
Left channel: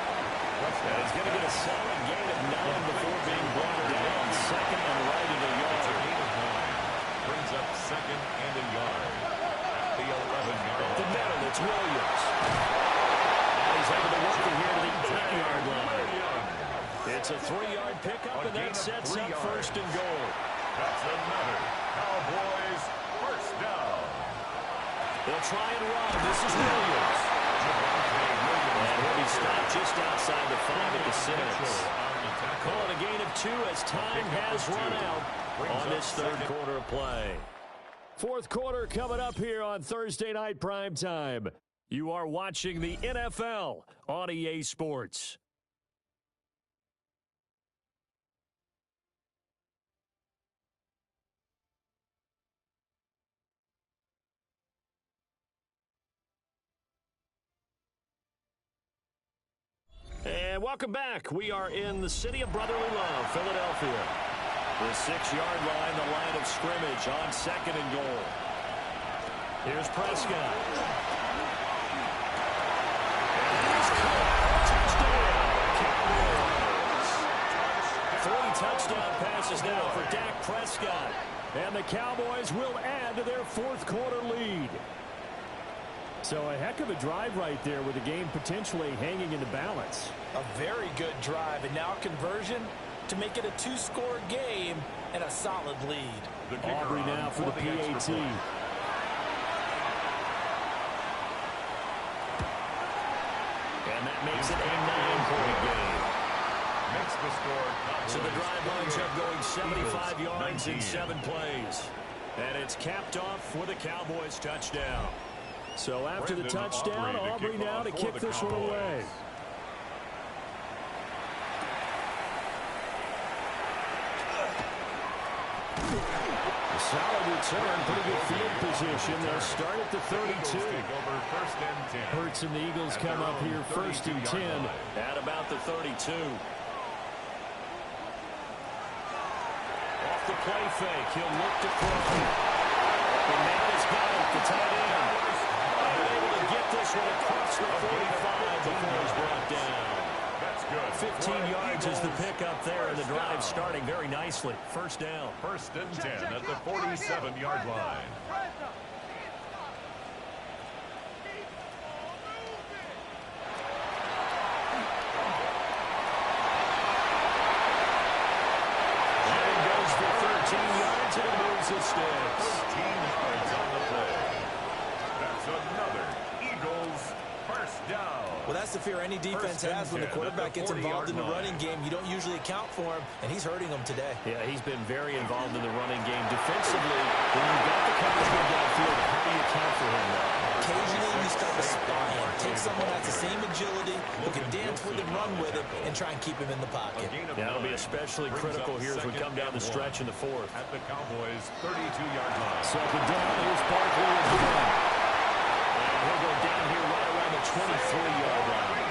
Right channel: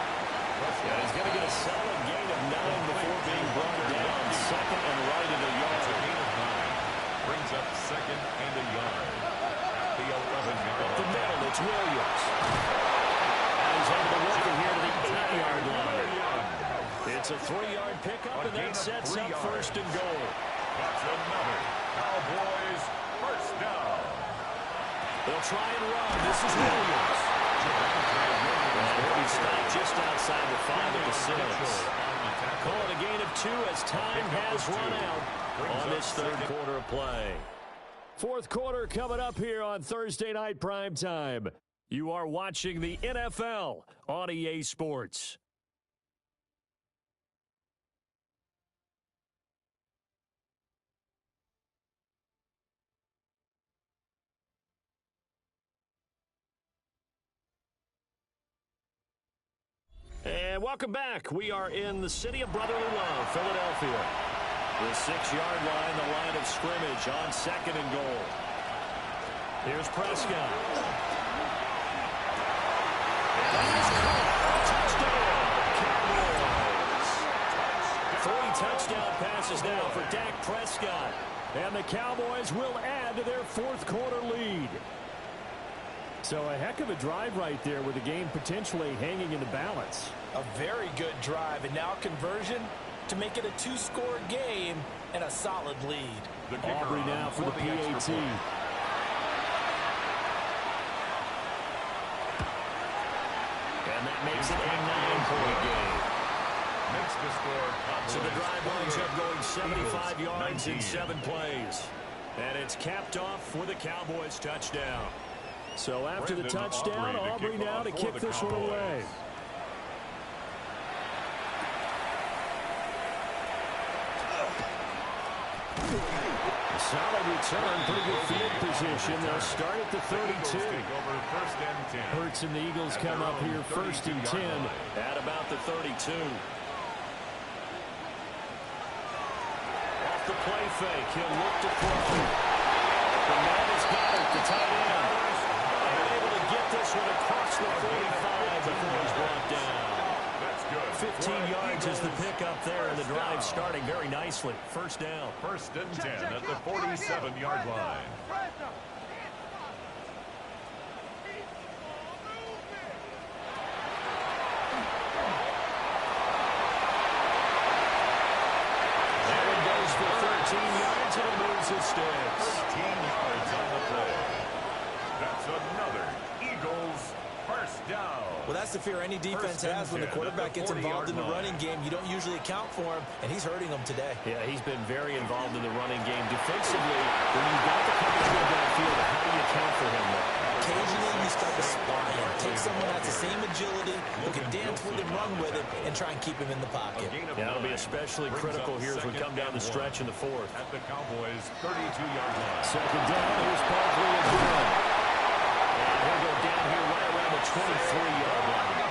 And he's going to get a solid gain of 9 before being brought down. Second and right at a It's a yard. gain of 9. Brings up second and a yard. At the 11-yard Up the middle, it's Williams. And he's able to work it here to the 8-yard line. It's a 3-yard pickup, and that sets up first and goal. That's another Cowboys first down. They'll try and run. This is Williams. And he'll be stopped just outside the 5 at the 6. Call it a gain of 2 as time has run out on this third quarter of play. Fourth quarter coming up here on Thursday Night Primetime. You are watching the NFL on EA Sports. And welcome back. We are in the city of brotherly love, Philadelphia. The 6-yard line, the line of scrimmage on second and goal. Here's Prescott. And he's caught. Touchdown, Cowboys. 3 touchdown passes now for Dak Prescott. And the Cowboys will add to their fourth quarter lead. So a heck of a drive right there with the game potentially hanging in the balance. A very good drive, and now conversion to make it a 2-score game and a solid lead. The kicker Aubrey now on for the extra PAT. point. And that makes it a 9-point game. Makes the score Cowboys So the drive winds up going 75 Eagles yards 19. in 7 plays. And it's capped off with a Cowboys touchdown. So after the Brendan touchdown, Aubrey kick now off to for kick the this one Cowboys. away. A solid return, pretty good field position. They'll start at the 32. Eagles take over first and 10. Hurts and the Eagles At come their up own here first and 10 32-yard line. at about the 32. Off the play fake, he'll look to throw. The man has got it, the tight end. And able to get this one across the 45 before he's brought down. That's good. 15 yards is the Eagles. pickup there, and the First drive down. starting very nicely. First down. First and 10 at the 47-yard line. That one goes for 13 yards, and it moves his sticks. 13 yards on the play. That's another Eagles first down. Well, that's the fear any defense First and has when the 10 quarterback at the gets involved in the 40-yard running game. You don't usually account for him, and he's hurting them today. Yeah, he's been very involved in the running game. Defensively, when you've got the coverage go downfield, how do you account for him, though? Occasionally, you start to spy him. Take someone that has the same agility, who can dance with him, run with him, and try and keep him in the pocket. That'll be especially critical here as we come down the stretch in the fourth. At the Cowboys' 32-yard line. Second down, here's Barkley again. And he'll go down here right around the 23-yard line.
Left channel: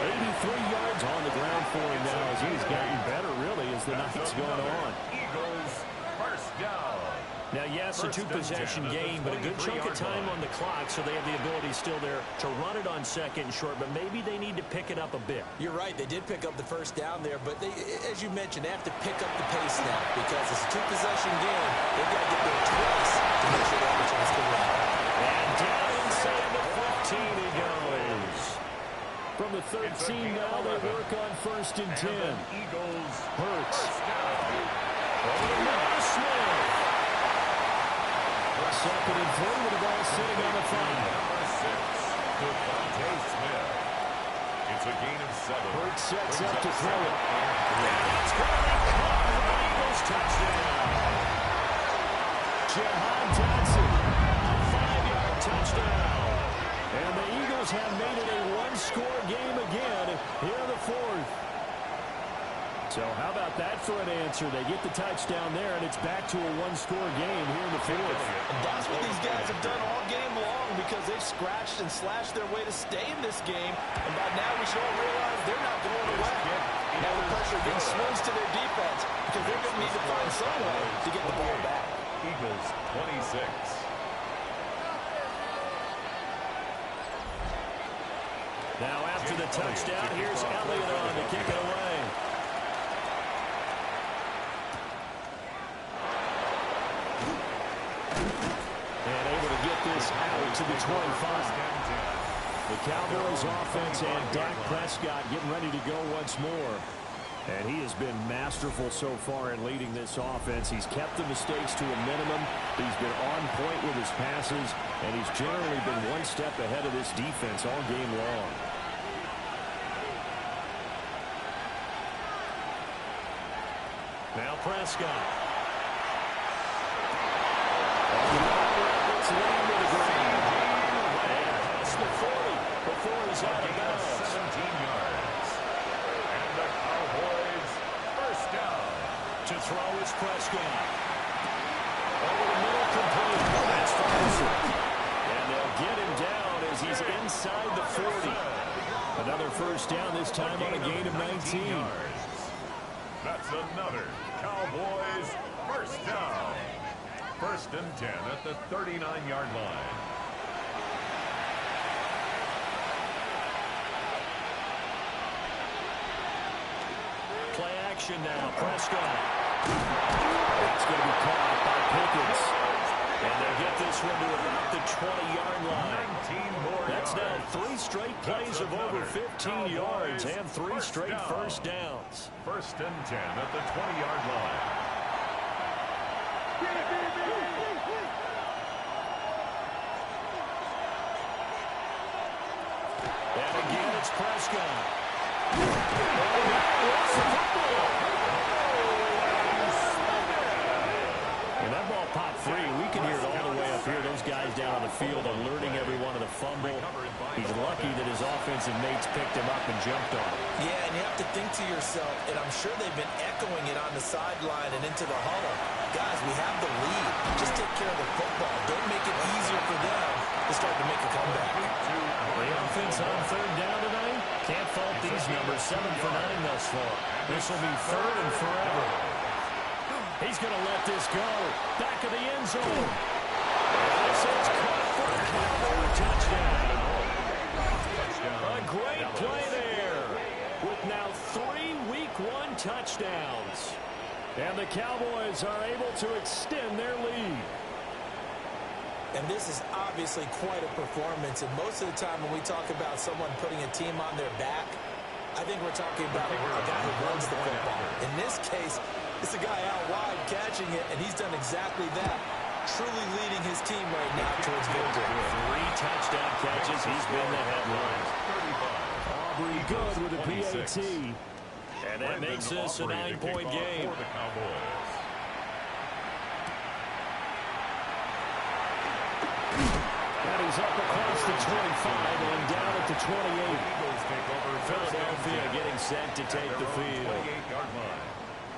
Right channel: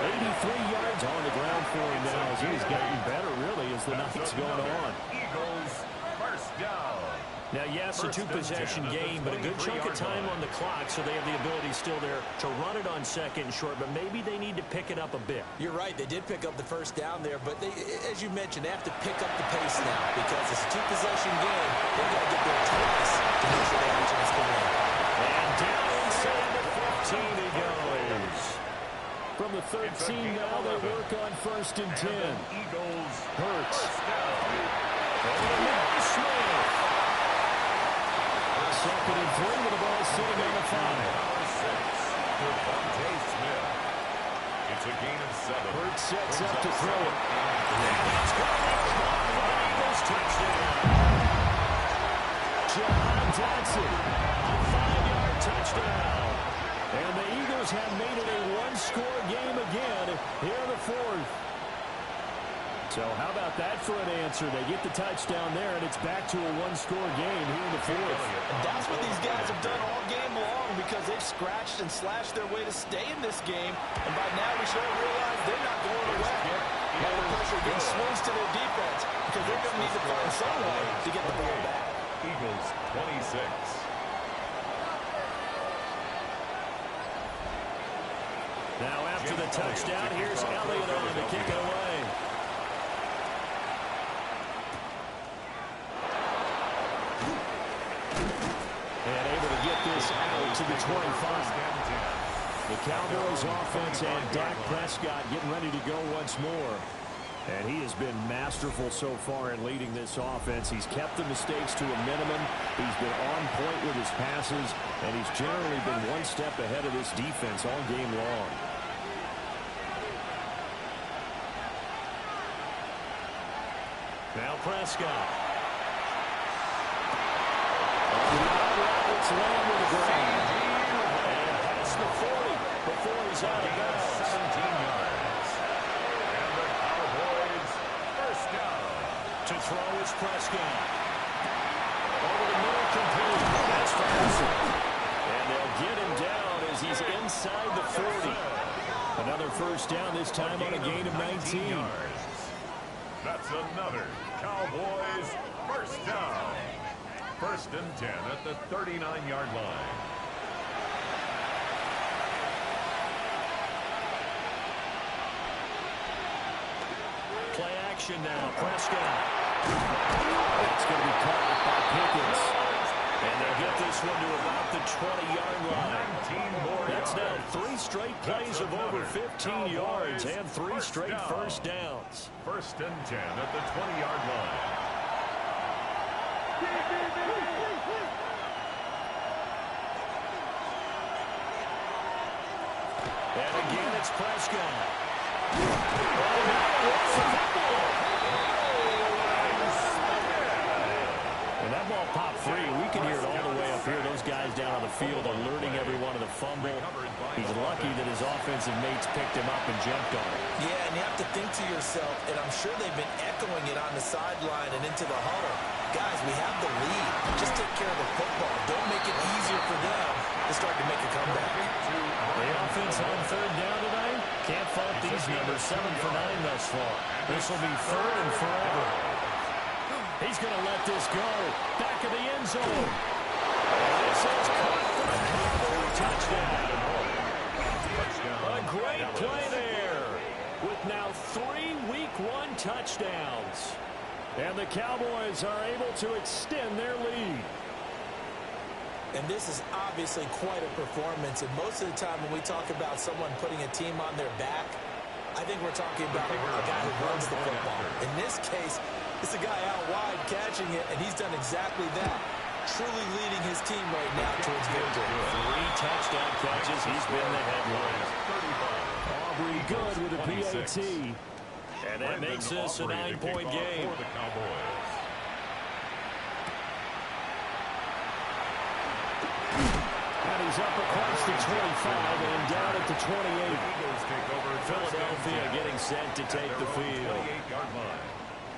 83 yards on the ground for him now as he's gotten better, really, as the night's going on. Eagles first down. Now, yes, a two-possession game, but a good chunk of time on the clock, so they have the ability still there to run it on second and short, but maybe they need to pick it up a bit. You're right. They did pick up the first down there, but they, as you mentioned, they have to pick up the pace now because it's a two-possession game. They've got to get there twice to make sure they have a chance to win. And down inside the 15 he goes. From the 13 now, they work on first and 10. Eagles Hurts. first down. Over to Noah Smith. Second and 3 with the ball sitting on the 5. Number 6, Devontae Smith. It's a gain of 7. Hurts sets Brings up to throw it. second and And it's going to be caught for the Eagles touchdown. Jahan Dotson, a 5-yard touchdown. And the Eagles have made it a one-score game again here in the fourth. So how about that for an answer? They get the touchdown there, and it's back to a one-score game here in the fourth. And that's what these guys have done all game long because they've scratched and slashed their way to stay in this game. And by now we should all realize they're not going away. Now the pressure again swings to their defense because they're going to need to find some way to get the ball back. Eagles 26. Now after the touchdown, here's Elliott on to kick it away. And able to get this out to the 25. The Cowboys offense and Dak Prescott getting ready to go once more. And he has been masterful so far in leading this offense. He's kept the mistakes to a minimum. He's been on point with his passes. And he's generally been one step ahead of this defense all game long. Now Prescott. Let's land to the ground. And past the 40 before he's out of bounds. 17 yards. And the Cowboys first down. To throw is Prescott. Over the middle, complete. That's Ferguson. And they'll get him down as he's inside the 40. Another first down, this time on a gain of 19 yards. That's another Cowboys first down. First and 10 at the 39-yard line. Play action now. Prescott. It's going to be caught by Pickens. And they'll get this one to about the 20-yard line. That's now 3 straight plays of over 15 yards and 3 straight first downs. First and 10 at the 20-yard line. And again, it's Prescott. Oh, now he wants the football. And that ball popped free. We can hear it all the way up here. Those guys down on the field alerting everyone of the fumble. He's lucky that his offensive mates picked him up and jumped on it. Yeah, and you have to think to yourself, and I'm sure they've been echoing it on the sideline and into the huddle. Guys, we have the lead. Just take care of the football. Don't make it easier for them to start to make a comeback. The offense on third down tonight. Can't fault these numbers. 7 for 9 thus far. This will be third and forever. He's going to let this go. Back of the end zone. And this is caught for a Cowboy touchdown. A great play there. With now 3 Week 1 touchdowns. And the Cowboys are able to extend their lead. And this is obviously quite a performance. And most of the time when we talk about someone putting a team on their back, I think we're talking about a guy who runs the football. In this case, it's a guy out wide catching it, and he's done exactly that. Truly leading his team right now towards victory. 3 touchdown catches. He's been the headline. Aubrey good with a PAT. And that makes this a 9-point game. For the Cowboys. And he's up across the 25 and down at the 28. Philadelphia getting set to take the field.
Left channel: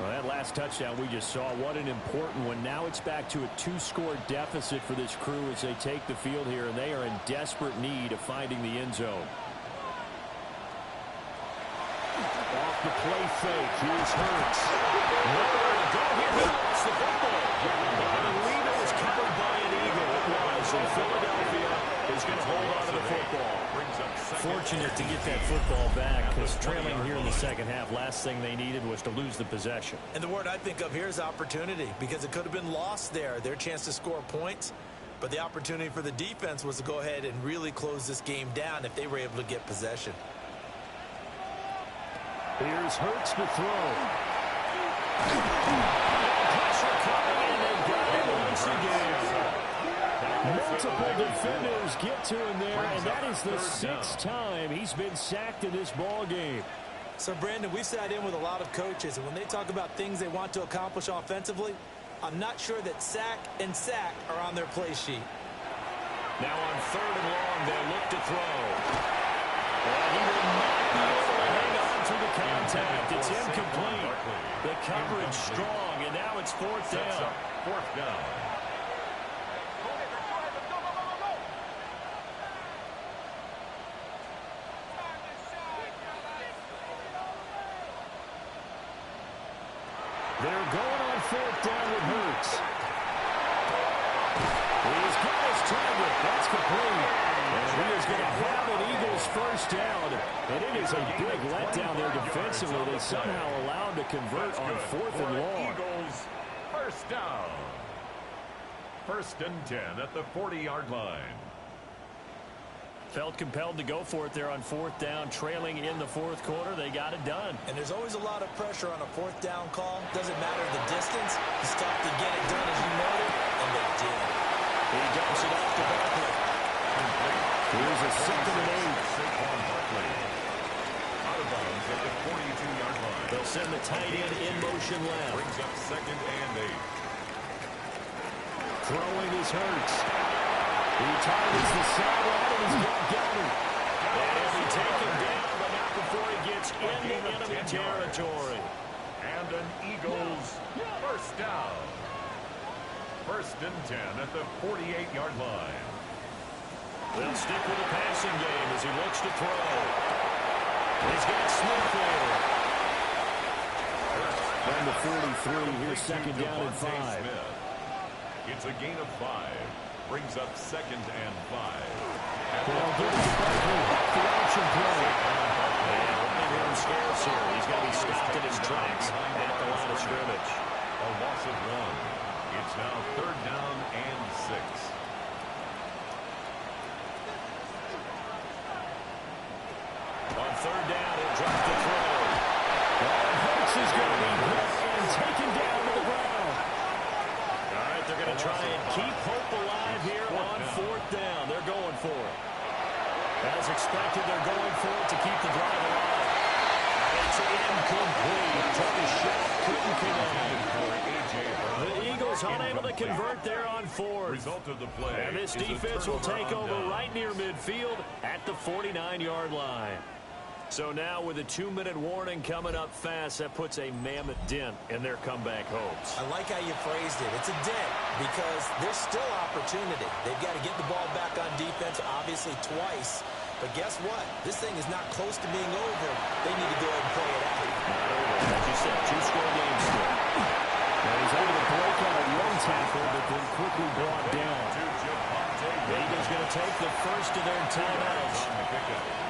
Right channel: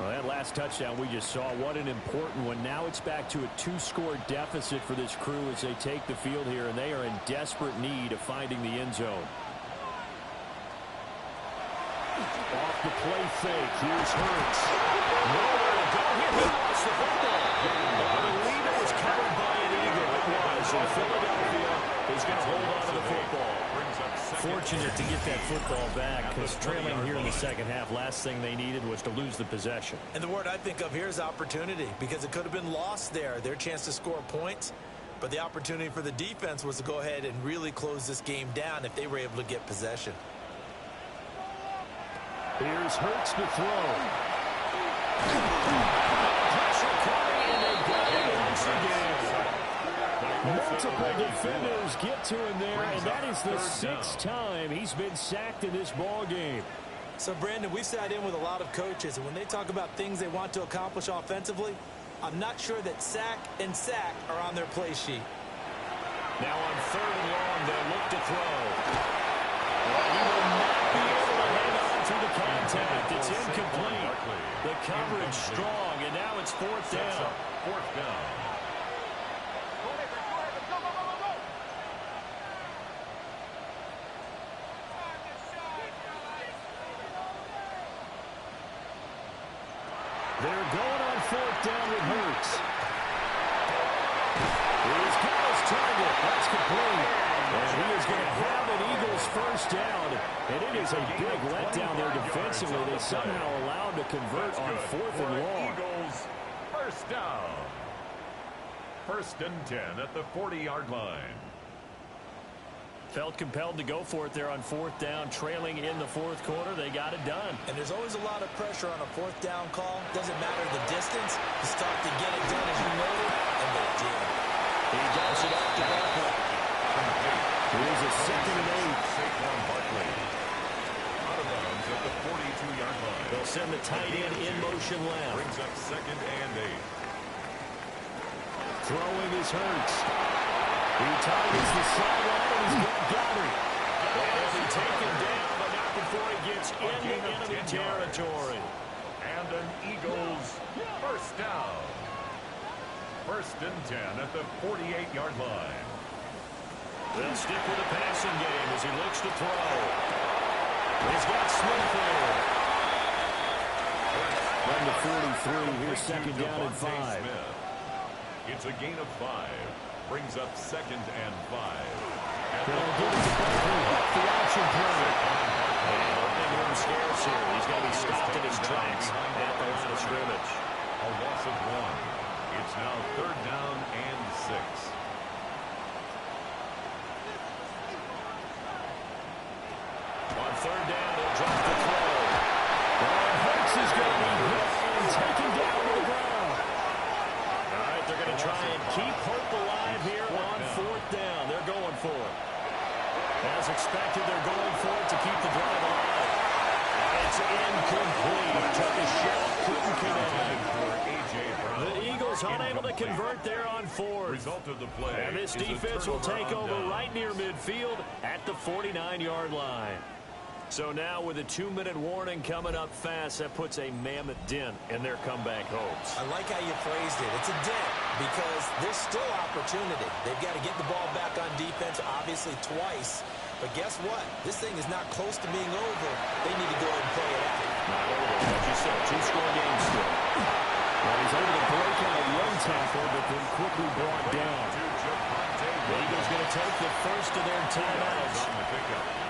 Well, that last touchdown we just saw, what an important one. Now it's back to a 2-score deficit for this crew as they take the field here, and they are in desperate need of finding the end zone. Off the play fake. Here's Hurts. Nowhere to go here. He lost the football. I believe it was covered by an Eagle. It was. And Philadelphia is going to hold on to the football. Fortunate to get that football back because trailing here in the second half, last thing they needed was to lose the possession. And the word I think of here is opportunity because it could have been lost there. Their chance to score points. But the opportunity for the defense was to go ahead and really close this game down if they were able to get possession. Here's Hurts to throw. Pressure coming, and they got him once again. Multiple defenders get to him there, and that is the 6th time he's been sacked in this ball game. So, Brandon, we sat in with a lot of coaches, and when they talk about things they want to accomplish offensively, I'm not sure that sack and sack are on their play sheet. Now on 3rd and long, they'll look to throw. Well, he will not be able to hang on through the contact. It's incomplete. The coverage strong, and now it's 4th down. 4th down. They're going on 4th down with Hurts. He's got his target. That's complete. And he is going to have an Eagles first down. And it is a big letdown there defensively. They somehow allow him to convert on 4th and long. Eagles first down. 1st and 10 at the 40-yard line. Felt compelled to go for it there on 4th down, trailing in the 4th quarter. They got it done. And there's always a lot of pressure on a 4th down call. Doesn't matter the distance. It's tough to get it done, as you noted, and they did. He dumps it off to Barkley. Here's a 2nd and 8. Saquon Barkley out of bounds at the 42-yard line. They'll send the tight end in motion left. Brings up 2nd and 8. Throwing is Hurts. He targets the sideline, and he's got Goddard. And he'll be taken down, but not before he gets into enemy territory. And an Eagles first down. 1st and 10 at the 48-yard line. They'll stick with the passing game as he looks to throw. He's got Smith there. From the 43, here's 2nd down and 5. Smith. It's a gain of 5. Brings up 2nd and 5. They'll give it to Barkley off the option play. And opening room scarce here. He's going to be stopped in his tracks at the line of scrimmage. A loss of 1. It's now 3rd down and 6. On 3rd down, he'll drop the throw. And Hurts is going to be hit and taken down to the ground. All right, they're going to try and keep hope alive here on 4th down. They're going for it. As expected, they're going for it to keep the drive alive. It's incomplete. Took a shot, couldn't connect. The Eagles unable to convert there on 4th. Result of the play. And this defense will take over right near midfield at the 49-yard line. So now with a 2-minute warning coming up fast, that puts a mammoth dent in their comeback hopes. I like how you phrased it. It's a dent because there's still opportunity. They've got to get the ball back on defense, obviously twice. But guess what? This thing is not close to being over. They need to go ahead and play it out. Not over. As you said, 2-score game still. Well, he's able to break out a one tackle, but then quickly brought down. The Eagles going to take the first of their timeouts.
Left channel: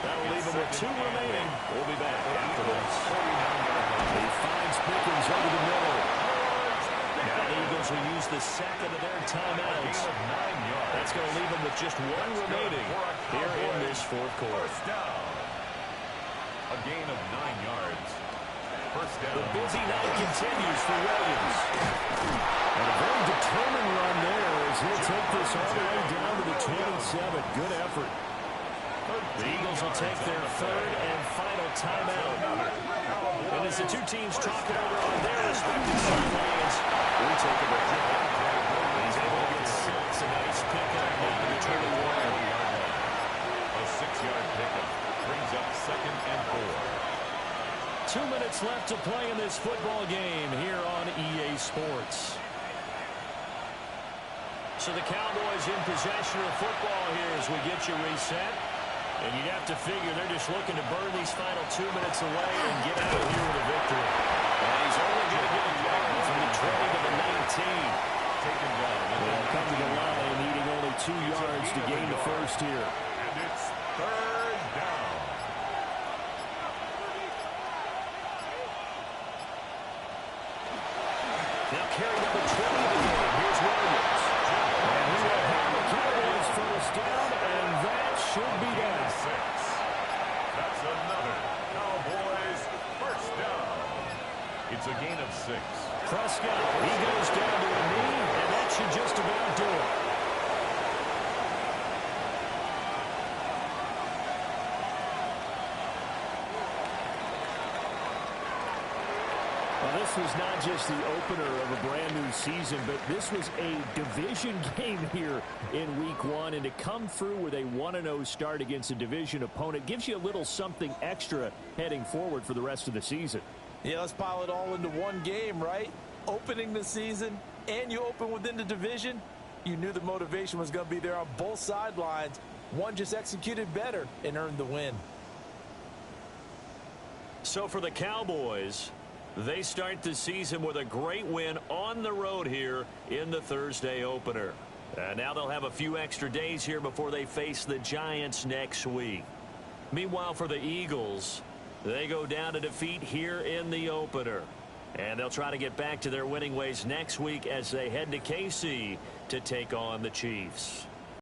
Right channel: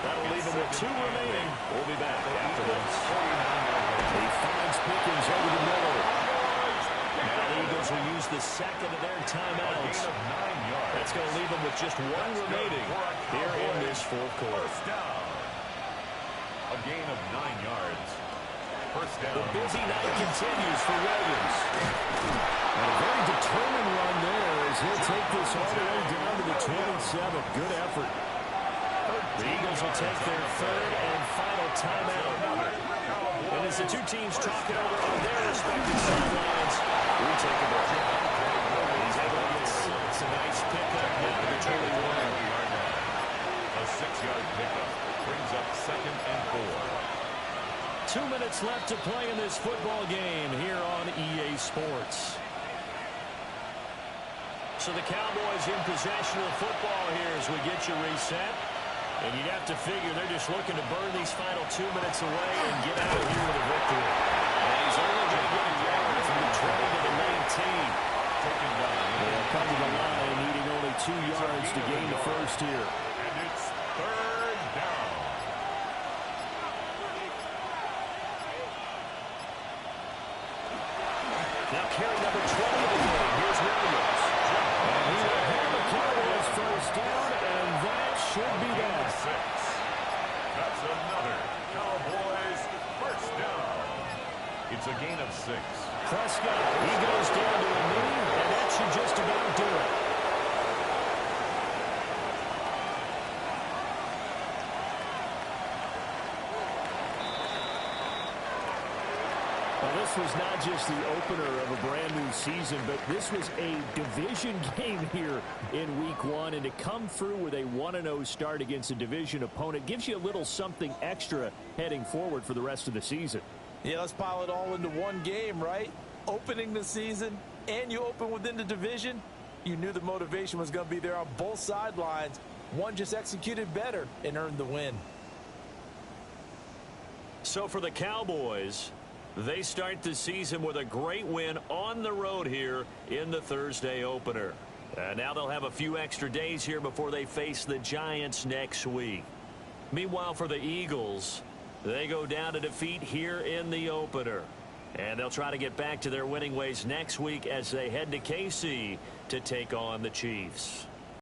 That'll leave them with 2 remaining. We'll be back after this. He finds Pickens over the middle. Now the Eagles will use the 2nd of their timeouts. That's going to leave them with just 1 remaining here in this 4th quarter. A gain of 9 yards. The busy night continues for Williams. And a very determined run there as he'll take this all the way down to the 27. Good effort. The Eagles will take their 3rd and final timeout. And as the two teams talk it over on their respective sidelines, we take a break. He's able to get 6. A nice pickup down to the 21. A 6-yard pickup brings up 2nd and 4. 2 minutes left to play in this football game here on EA Sports. So the Cowboys in possession of the football here as we get you reset. And you'd have to figure they're just looking to burn these final 2 minutes away and get out of here with a victory. And he's only going to get a yard from the 20 to the 19. Taken down. They'll come to the line needing only 2 yards to gain the first here. And it's 3rd down. Now carry number 20 of the game. Here's Williams. And he will have the Cowboys first down, and that should be that. 6. That's another Cowboys first down. It's a gain of 6. Prescott, he goes down to a knee, and that should just about do it. Well, this was not just the opener of a brand new season, but this was a division game here in week 1. And to come through with a 1-0 start against a division opponent gives you a little something extra heading forward for the rest of the season. Yeah, let's pile it all into one game, right? Opening the season, and you open within the division. You knew the motivation was going to be there on both sidelines. One just executed better and earned the win. So for the Cowboys, they start the season with a great win on the road here in the Thursday opener. Now they'll have a few extra days here before they face the Giants next week. Meanwhile, for the Eagles, they go down to defeat here in the opener. And they'll try to get back to their winning ways next week as they head to KC to take on the Chiefs.